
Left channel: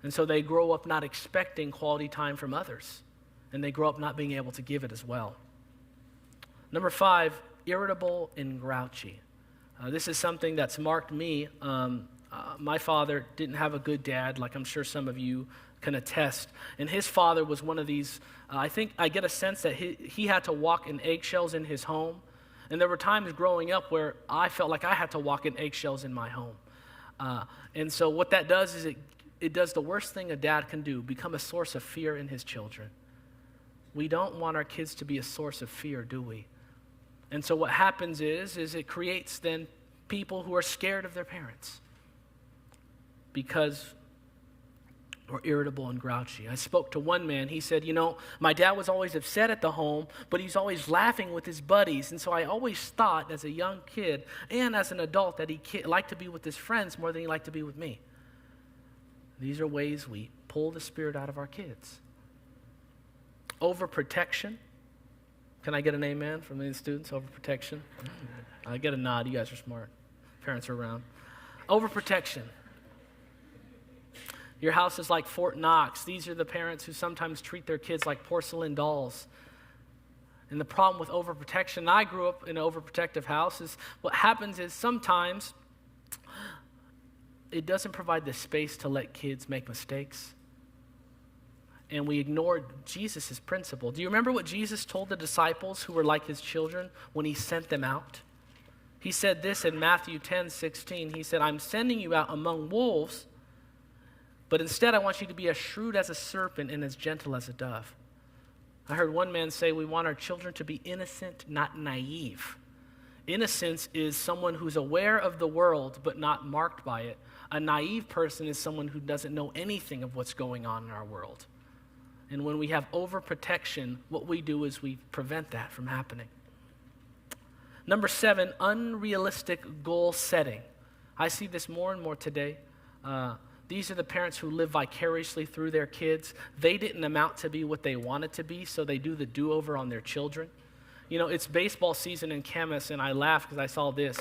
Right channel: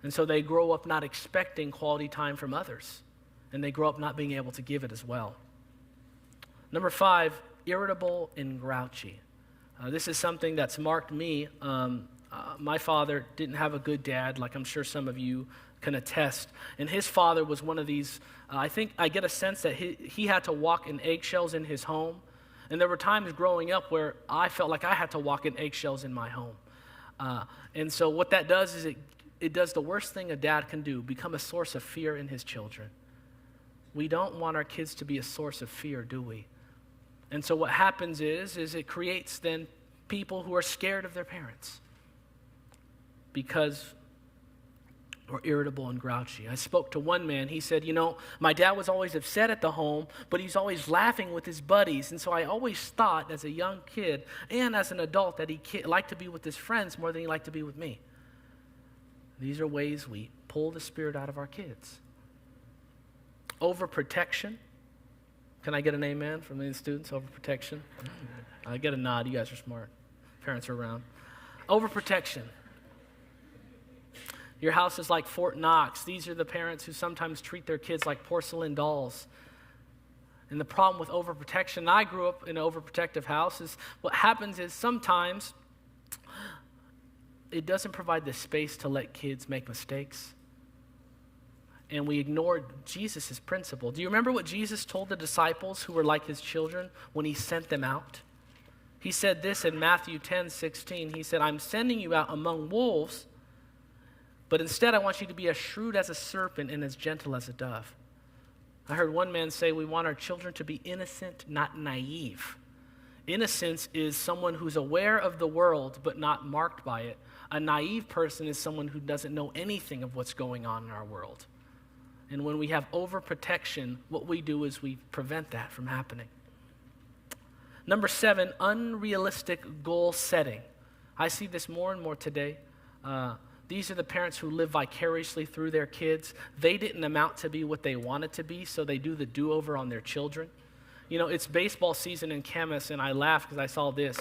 And so they grow up not expecting quality time from others, and they grow up not being able to give it as well. Number 5, irritable and grouchy. This is something that's marked me. My father didn't have a good dad, like I'm sure some of you can attest. And his father was one of these, I think I get a sense that he had to walk in eggshells in his home. And there were times growing up where I felt like I had to walk in eggshells in my home. And so what that does is it does the worst thing a dad can do, become a source of fear in his children. We don't want our kids to be a source of fear, do we? And so what happens is it creates then people who are scared of their parents, because we're irritable and grouchy. I spoke to one man. He said, my dad was always upset at the home, but he's always laughing with his buddies. And so I always thought as a young kid and as an adult that he liked to be with his friends more than he liked to be with me. These are ways we pull the spirit out of our kids. Overprotection. Can I get an amen from the students? Overprotection. I get a nod. You guys are smart. Parents are around. Overprotection. Your house is like Fort Knox. These are the parents who sometimes treat their kids like porcelain dolls. And the problem with overprotection, I grew up in an overprotective house, is what happens is sometimes it doesn't provide the space to let kids make mistakes. And we ignored Jesus' principle. Do you remember what Jesus told the disciples who were like his children when he sent them out? He said this in Matthew 10:16. He said, I'm sending you out among wolves, but instead I want you to be as shrewd as a serpent and as gentle as a dove. I heard one man say we want our children to be innocent, not naive. Innocence is someone who's aware of the world but not marked by it. A naive person is someone who doesn't know anything of what's going on in our world. And when we have overprotection, what we do is we prevent that from happening. Number 7, unrealistic goal setting. I see this more and more today. These are the parents who live vicariously through their kids. They didn't amount to be what they wanted to be, so they do the do-over on their children. It's baseball season in Camas, and I laugh because I saw this.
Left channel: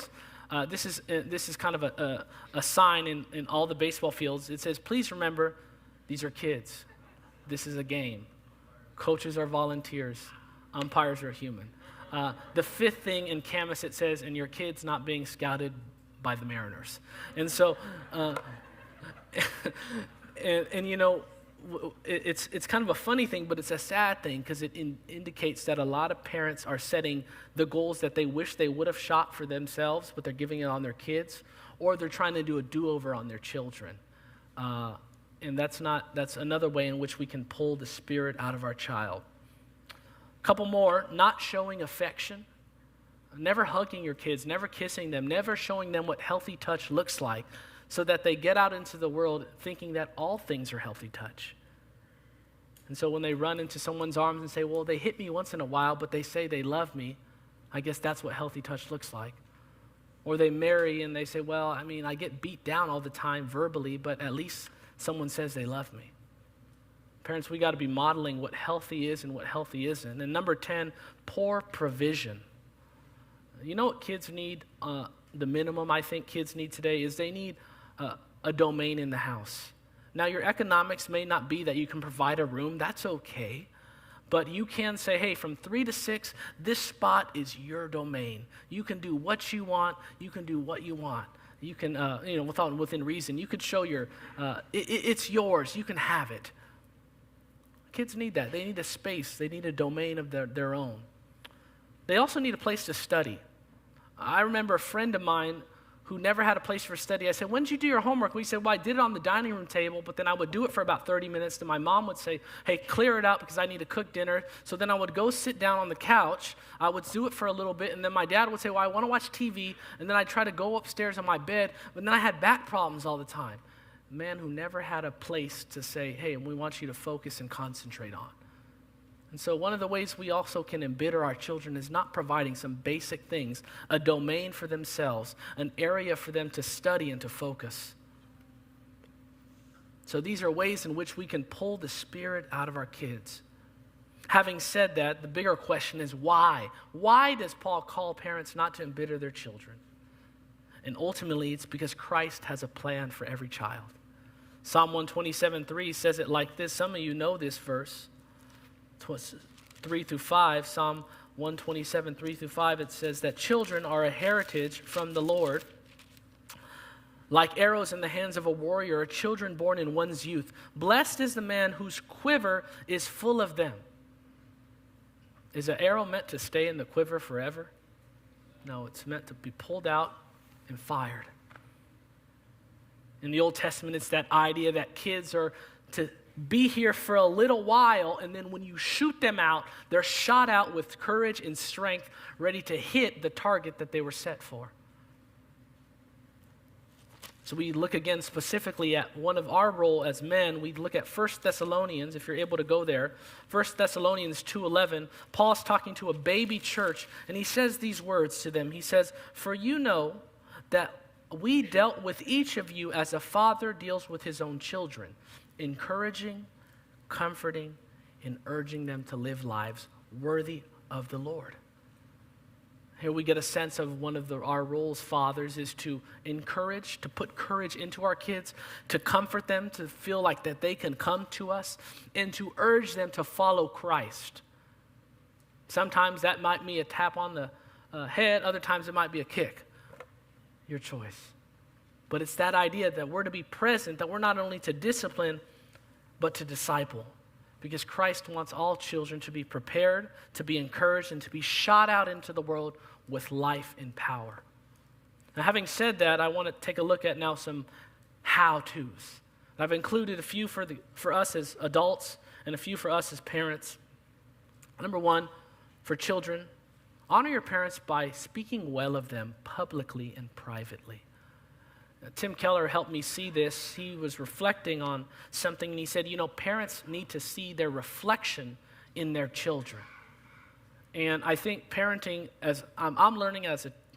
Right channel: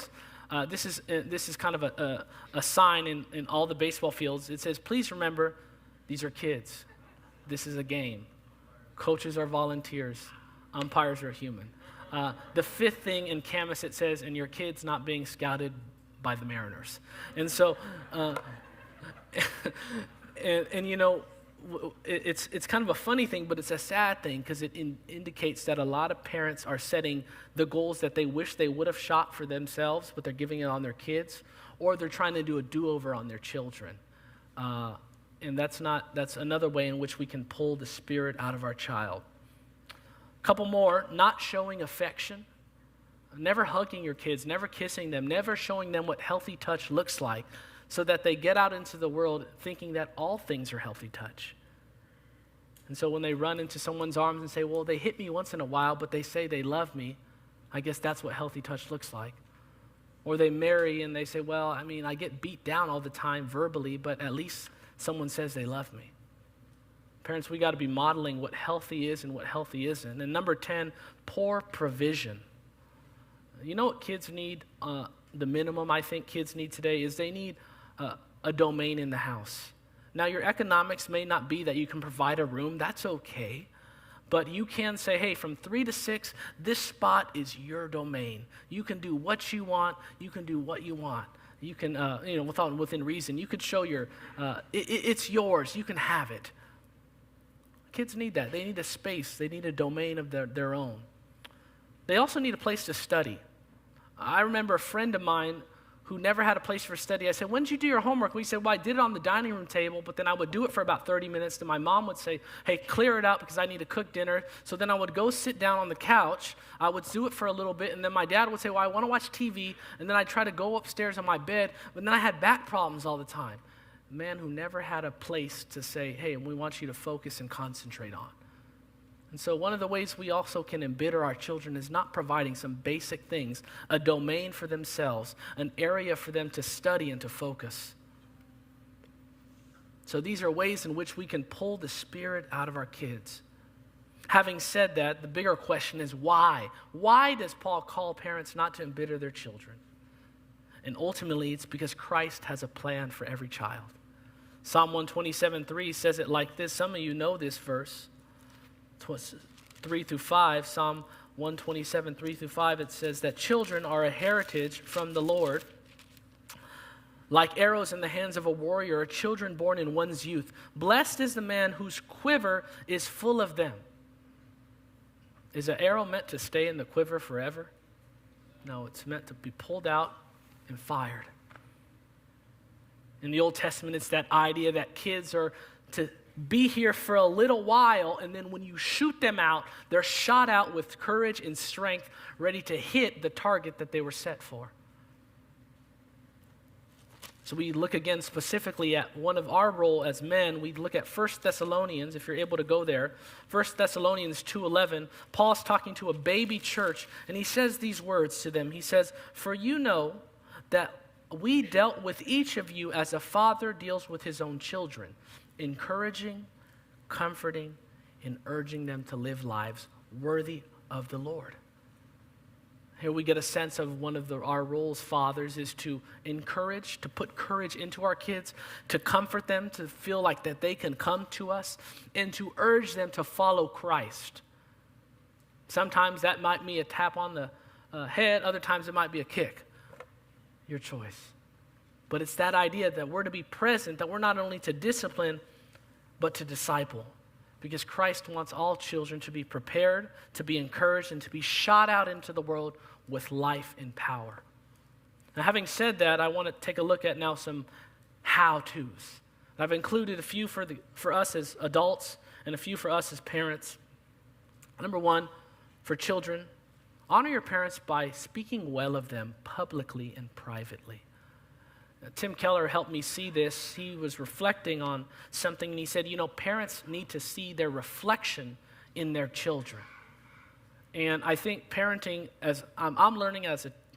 This is kind of a sign in all the baseball fields. It says, please remember, these are kids. This is a game. Coaches are volunteers. Umpires are human. The 5th thing in Camas, it says, and your kid's not being scouted by the Mariners. And so... it's kind of a funny thing, but it's a sad thing, because it indicates that a lot of parents are setting the goals that they wish they would have shot for themselves, but they're giving it on their kids, or they're trying to do a do-over on their children. And that's another way in which we can pull the spirit out of our child. A couple more: not showing affection. Never hugging your kids, never kissing them, never showing them what healthy touch looks like, so that they get out into the world thinking that all things are healthy touch. And so when they run into someone's arms and say, well, they hit me once in a while, but they say they love me, I guess that's what healthy touch looks like. Or they marry and they say, well, I get beat down all the time verbally, but at least someone says they love me. Parents, we got to be modeling what healthy is and what healthy isn't. And number 10, poor provision. You know what kids need? The minimum I think kids need today is they need a domain in the house. Now, your economics may not be that you can provide a room. That's okay. But you can say, hey, from 3 to 6, this spot is your domain. You can do what you want. You can do what you want. You can, within reason, you could show it's yours. You can have it. Kids need that. They need a space. They need a domain of their own. They also need a place to study. I remember a friend of mine who never had a place for study. I said, when did you do your homework? We said, well, I did it on the dining room table, but then I would do it for about 30 minutes. Then my mom would say, hey, clear it out because I need to cook dinner. So then I would go sit down on the couch. I would do it for a little bit, and then my dad would say, well, I want to watch TV. And then I'd try to go upstairs on my bed, but then I had back problems all the time. A man who never had a place to say, hey, we want you to focus and concentrate on. And so one of the ways we also can embitter our children is not providing some basic things, a domain for themselves, an area for them to study and to focus. So these are ways in which we can pull the Spirit out of our kids. Having said that, the bigger question is why? Why does Paul call parents not to embitter their children? And ultimately, it's because Christ has a plan for every child. Psalm 127:3 says it like this. Some of you know this verse. 3 through 5, Psalm 127, 3 through 5, it says that children are a heritage from the Lord. Like arrows in the hands of a warrior, children born in one's youth. Blessed is the man whose quiver is full of them. Is an arrow meant to stay in the quiver forever? No, it's meant to be pulled out and fired. In the Old Testament, it's that idea that kids are to be here for a little while, and then when you shoot them out, they're shot out with courage and strength, ready to hit the target that they were set for. So we look again specifically at one of our role as men. We look at 1 Thessalonians, if you're able to go there. 1 Thessalonians 2:11, Paul's talking to a baby church, and he says these words to them. He says, for you know that we dealt with each of you as a father deals with his own children, encouraging, comforting, and urging them to live lives worthy of the Lord. Here we get a sense of one of our roles, fathers, is to encourage, to put courage into our kids, to comfort them, to feel like that they can come to us, and to urge them to follow Christ. Sometimes that might be a tap on the head, other times it might be a kick. Your choice. But it's that idea that we're to be present, that we're not only to discipline, but to disciple. Because Christ wants all children to be prepared, to be encouraged, and to be shot out into the world with life and power. Now, having said that, I want to take a look at now some how-tos. I've included a few for us as adults and a few for us as parents. Number one, for children, honor your parents by speaking well of them publicly and privately. Tim Keller helped me see this. He was reflecting on something, and he said, parents need to see their reflection in their children. And I think parenting, as I'm learning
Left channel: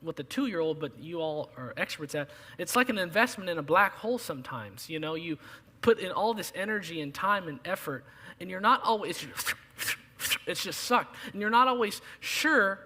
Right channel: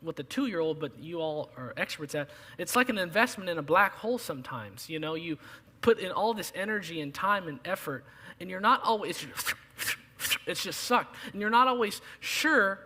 with a 2-year-old, but you all are experts at, it's like an investment in a black hole sometimes. You put in all this energy and time and effort, and you're not always, it's just sucked. And you're not always sure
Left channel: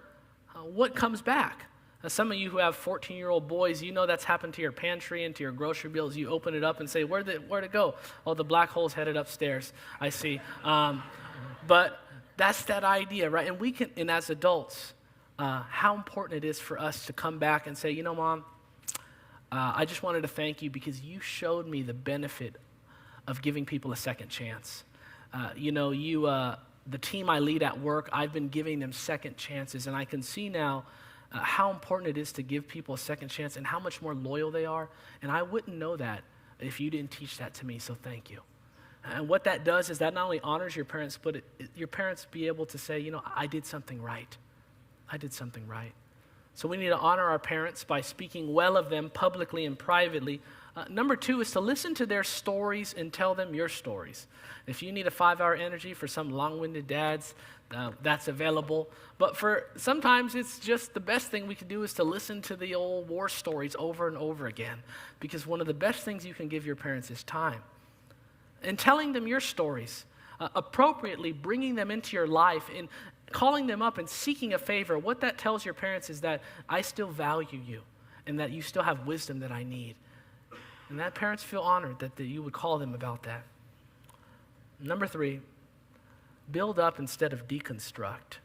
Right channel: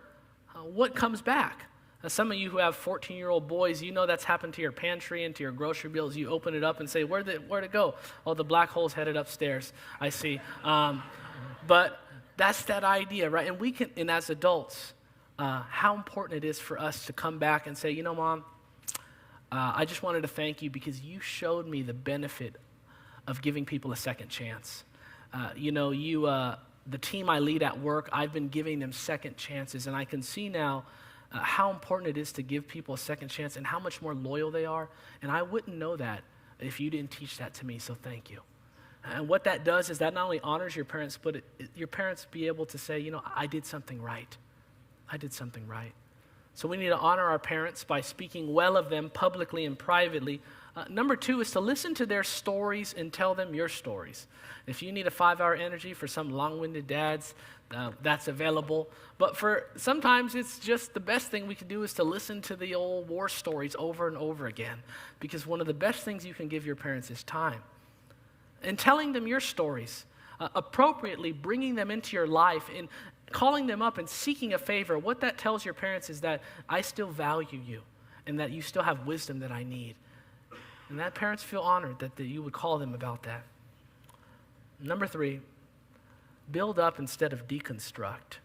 what comes back. Some of you who have 14-year-old boys, that's happened to your pantry and to your grocery bills. You open it up and say, where'd it go? Oh, the black hole's headed upstairs. I see. But that's that idea, right? And as adults, how important it is for us to come back and say, Mom, I just wanted to thank you because you showed me the benefit of giving people a second chance. The team I lead at work, I've been giving them second chances, and I can see now how important it is to give people a second chance and how much more loyal they are. And I wouldn't know that if you didn't teach that to me, so thank you. And what that does is that not only honors your parents, but your parents be able to say, I did something right. I did something right. So we need to honor our parents by speaking well of them publicly and privately. Number 2 is to listen to their stories and tell them your stories. If you need a 5-hour energy for some long-winded dads, that's available. But sometimes it's just the best thing we can do is to listen to the old war stories over and over again. Because one of the best things you can give your parents is time. And telling them your stories, appropriately bringing them into your life and calling them up and seeking a favor. What that tells your parents is that I still value you and that you still have wisdom that I need. And that parents feel honored that you would call them about that. Number 3, build up instead of deconstruct.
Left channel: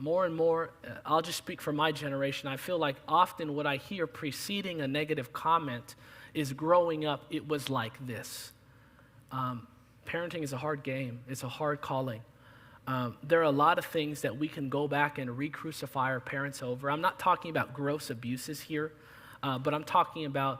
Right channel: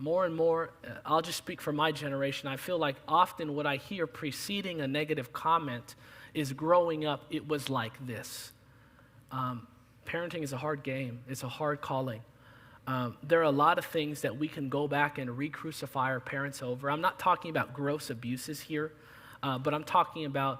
more and more, I'll just speak for my generation, I feel like often what I hear preceding a negative comment is growing up, it was like this. Parenting is a hard game. It's a hard calling. There are a lot of things that we can go back and re-crucify our parents over. I'm not talking about gross abuses here, but I'm talking about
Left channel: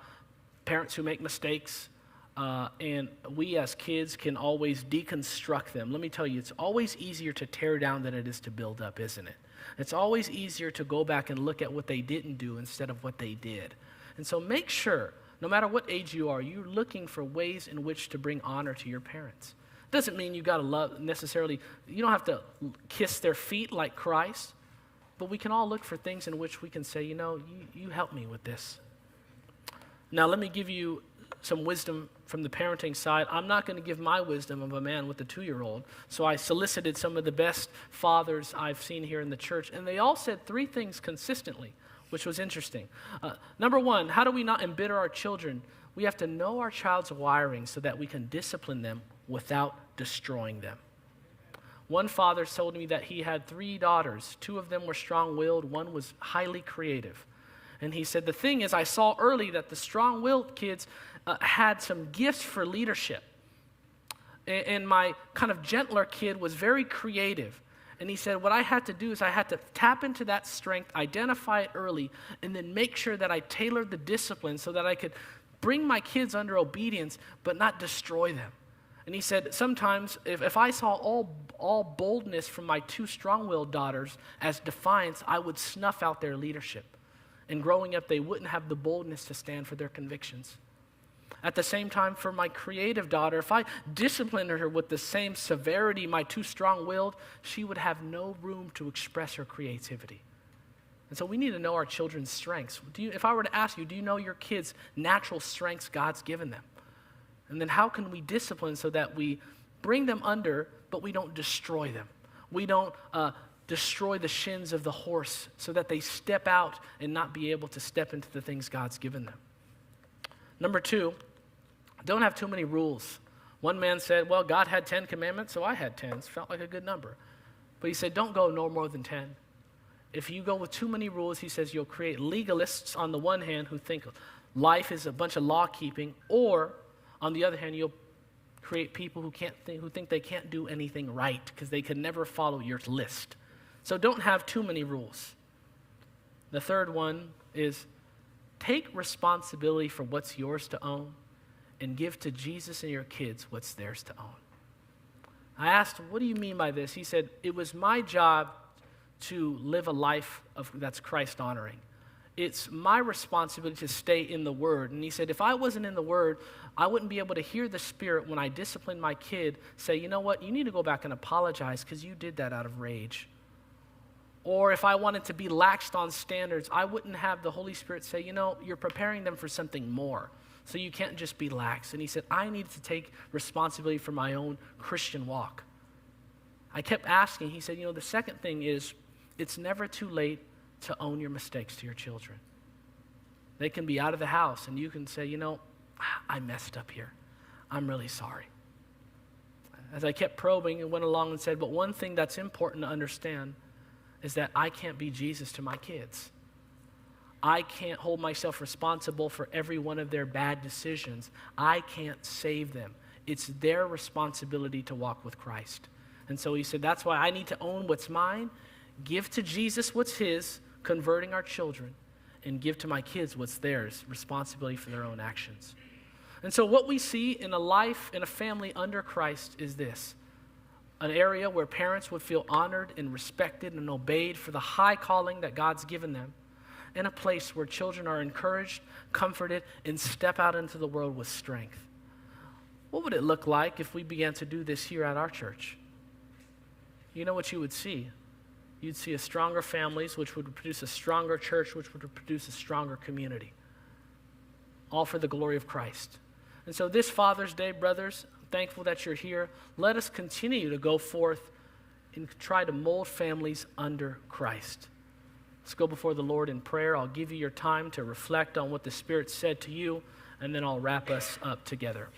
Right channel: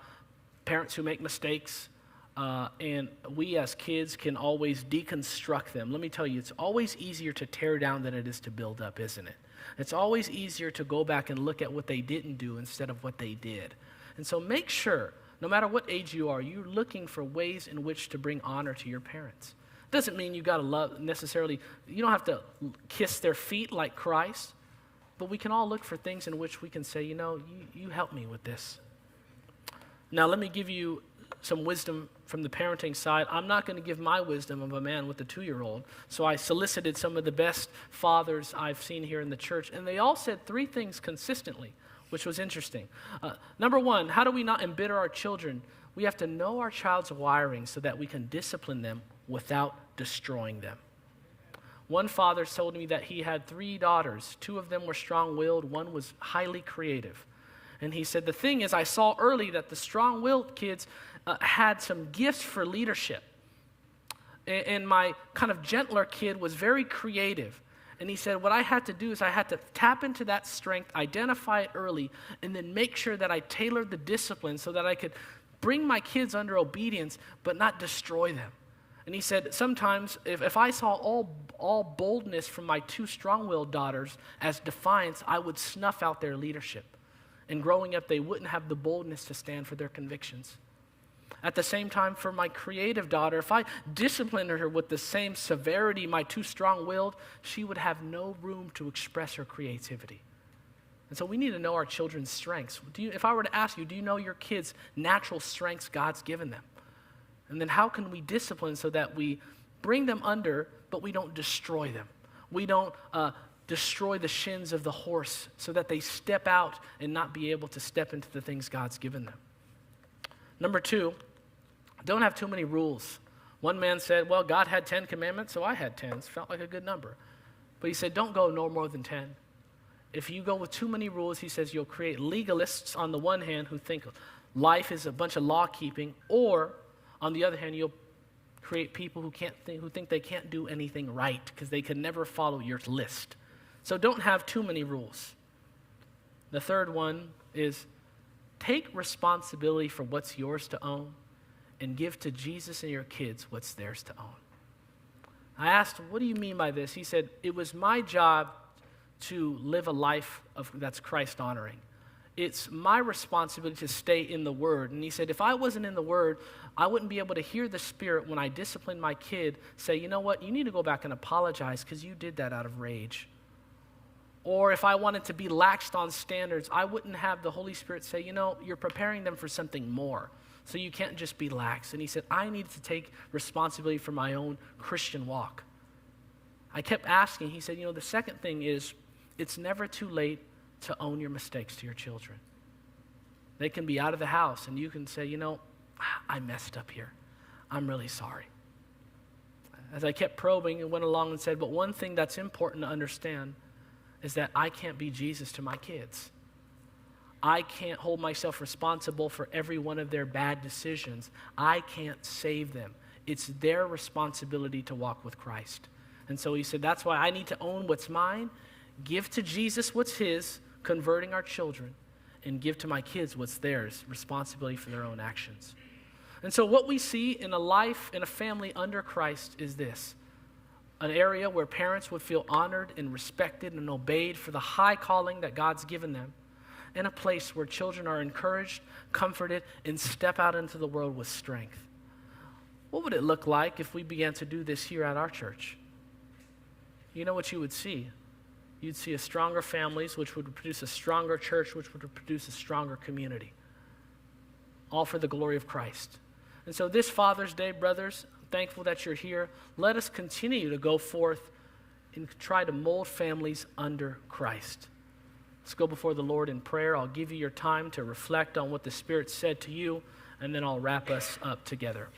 parents who make mistakes, and we as kids can always deconstruct them. Let me tell you, it's always easier to tear down than it is to build up, isn't it? It's always easier to go back and look at what they didn't do instead of what they did. And so make sure, no matter what age you are, you're looking for ways in which to bring honor to your parents. Doesn't mean you got to love necessarily, you don't have to kiss their feet like Christ, but we can all look for things in which we can say, you help me with this. Now, let me give you some wisdom from the parenting side. I'm not going to give my wisdom of a man with a 2-year-old. So I solicited some of the best fathers I've seen here in the church, and they all said 3 things consistently, which was interesting. Number 1, how do we not embitter our children? We have to know our child's wiring so that we can discipline them without destroying them. One father told me that he had 3 daughters. 2 of them were strong-willed. 1 was highly creative. And he said, the thing is, I saw early that the strong-willed kids had some gifts for leadership. And my kind of gentler kid was very creative. And he said, what I had to do is I had to tap into that strength, identify it early, and then make sure that I tailored the discipline so that I could bring my kids under obedience, but not destroy them. And he said, sometimes if I saw all boldness from my 2 strong-willed daughters as defiance, I would snuff out their leadership. And growing up, they wouldn't have the boldness to stand for their convictions. At the same time, for my creative daughter, if I disciplined her with the same severity my 2 strong-willed, she would have no room to express her creativity. And so we need to know our children's strengths. If I were to ask you, do you know your kids' natural strengths God's given them? And then how can we discipline so that we bring them under, but we don't destroy them? We don't destroy the shins of the horse so that they step out and not be able to step into the things God's given them. Number 2, don't have too many rules. One man said, well, God had 10 commandments, so I had 10. It felt like a good number. But he said, don't go no more than 10. If you go with too many rules, he says, you'll create legalists on the one hand who think life is a bunch of law keeping, or on the other hand, you'll create people who think they can't do anything right because they can never follow your list. So don't have too many rules. The third one is take responsibility for what's yours to own and give to Jesus and your kids what's theirs to own. I asked him, what do you mean by this? He said, it was my job to live a life that's Christ-honoring. It's my responsibility to stay in the Word. And he said, if I wasn't in the Word, I wouldn't be able to hear the Spirit when I discipline my kid say, you know what, you need to go back and apologize because you did that out of rage. Or if I wanted to be laxed on standards, I wouldn't have the Holy Spirit say, you're preparing them for something more. So you can't just be lax. And he said, I needed to take responsibility for my own Christian walk. I kept asking. He said, the second thing is it's never too late to own your mistakes to your children. They can be out of the house and you can say, I messed up here. I'm really sorry. As I kept probing and went along and said, but one thing that's important to understand is that I can't be Jesus to my kids. I can't hold myself responsible for every one of their bad decisions. I can't save them. It's their responsibility to walk with Christ. And so he said, that's why I need to own what's mine, give to Jesus what's his, converting our children, and give to my kids what's theirs, responsibility for their own actions. And so what we see in a life, in a family under Christ is this. An area where parents would feel honored and respected and obeyed for the high calling that God's given them, and a place where children are encouraged, comforted, and step out into the world with strength. What would it look like if we began to do this here at our church? You know what you would see? You'd see a stronger families, which would produce a stronger church, which would produce a stronger community. All for the glory of Christ. And so this Father's Day, brothers, thankful that you're here. Let us continue to go forth and try to mold families under Christ. Let's go before the Lord in prayer. I'll give you your time to reflect on what the Spirit said to you, and then I'll wrap us up together.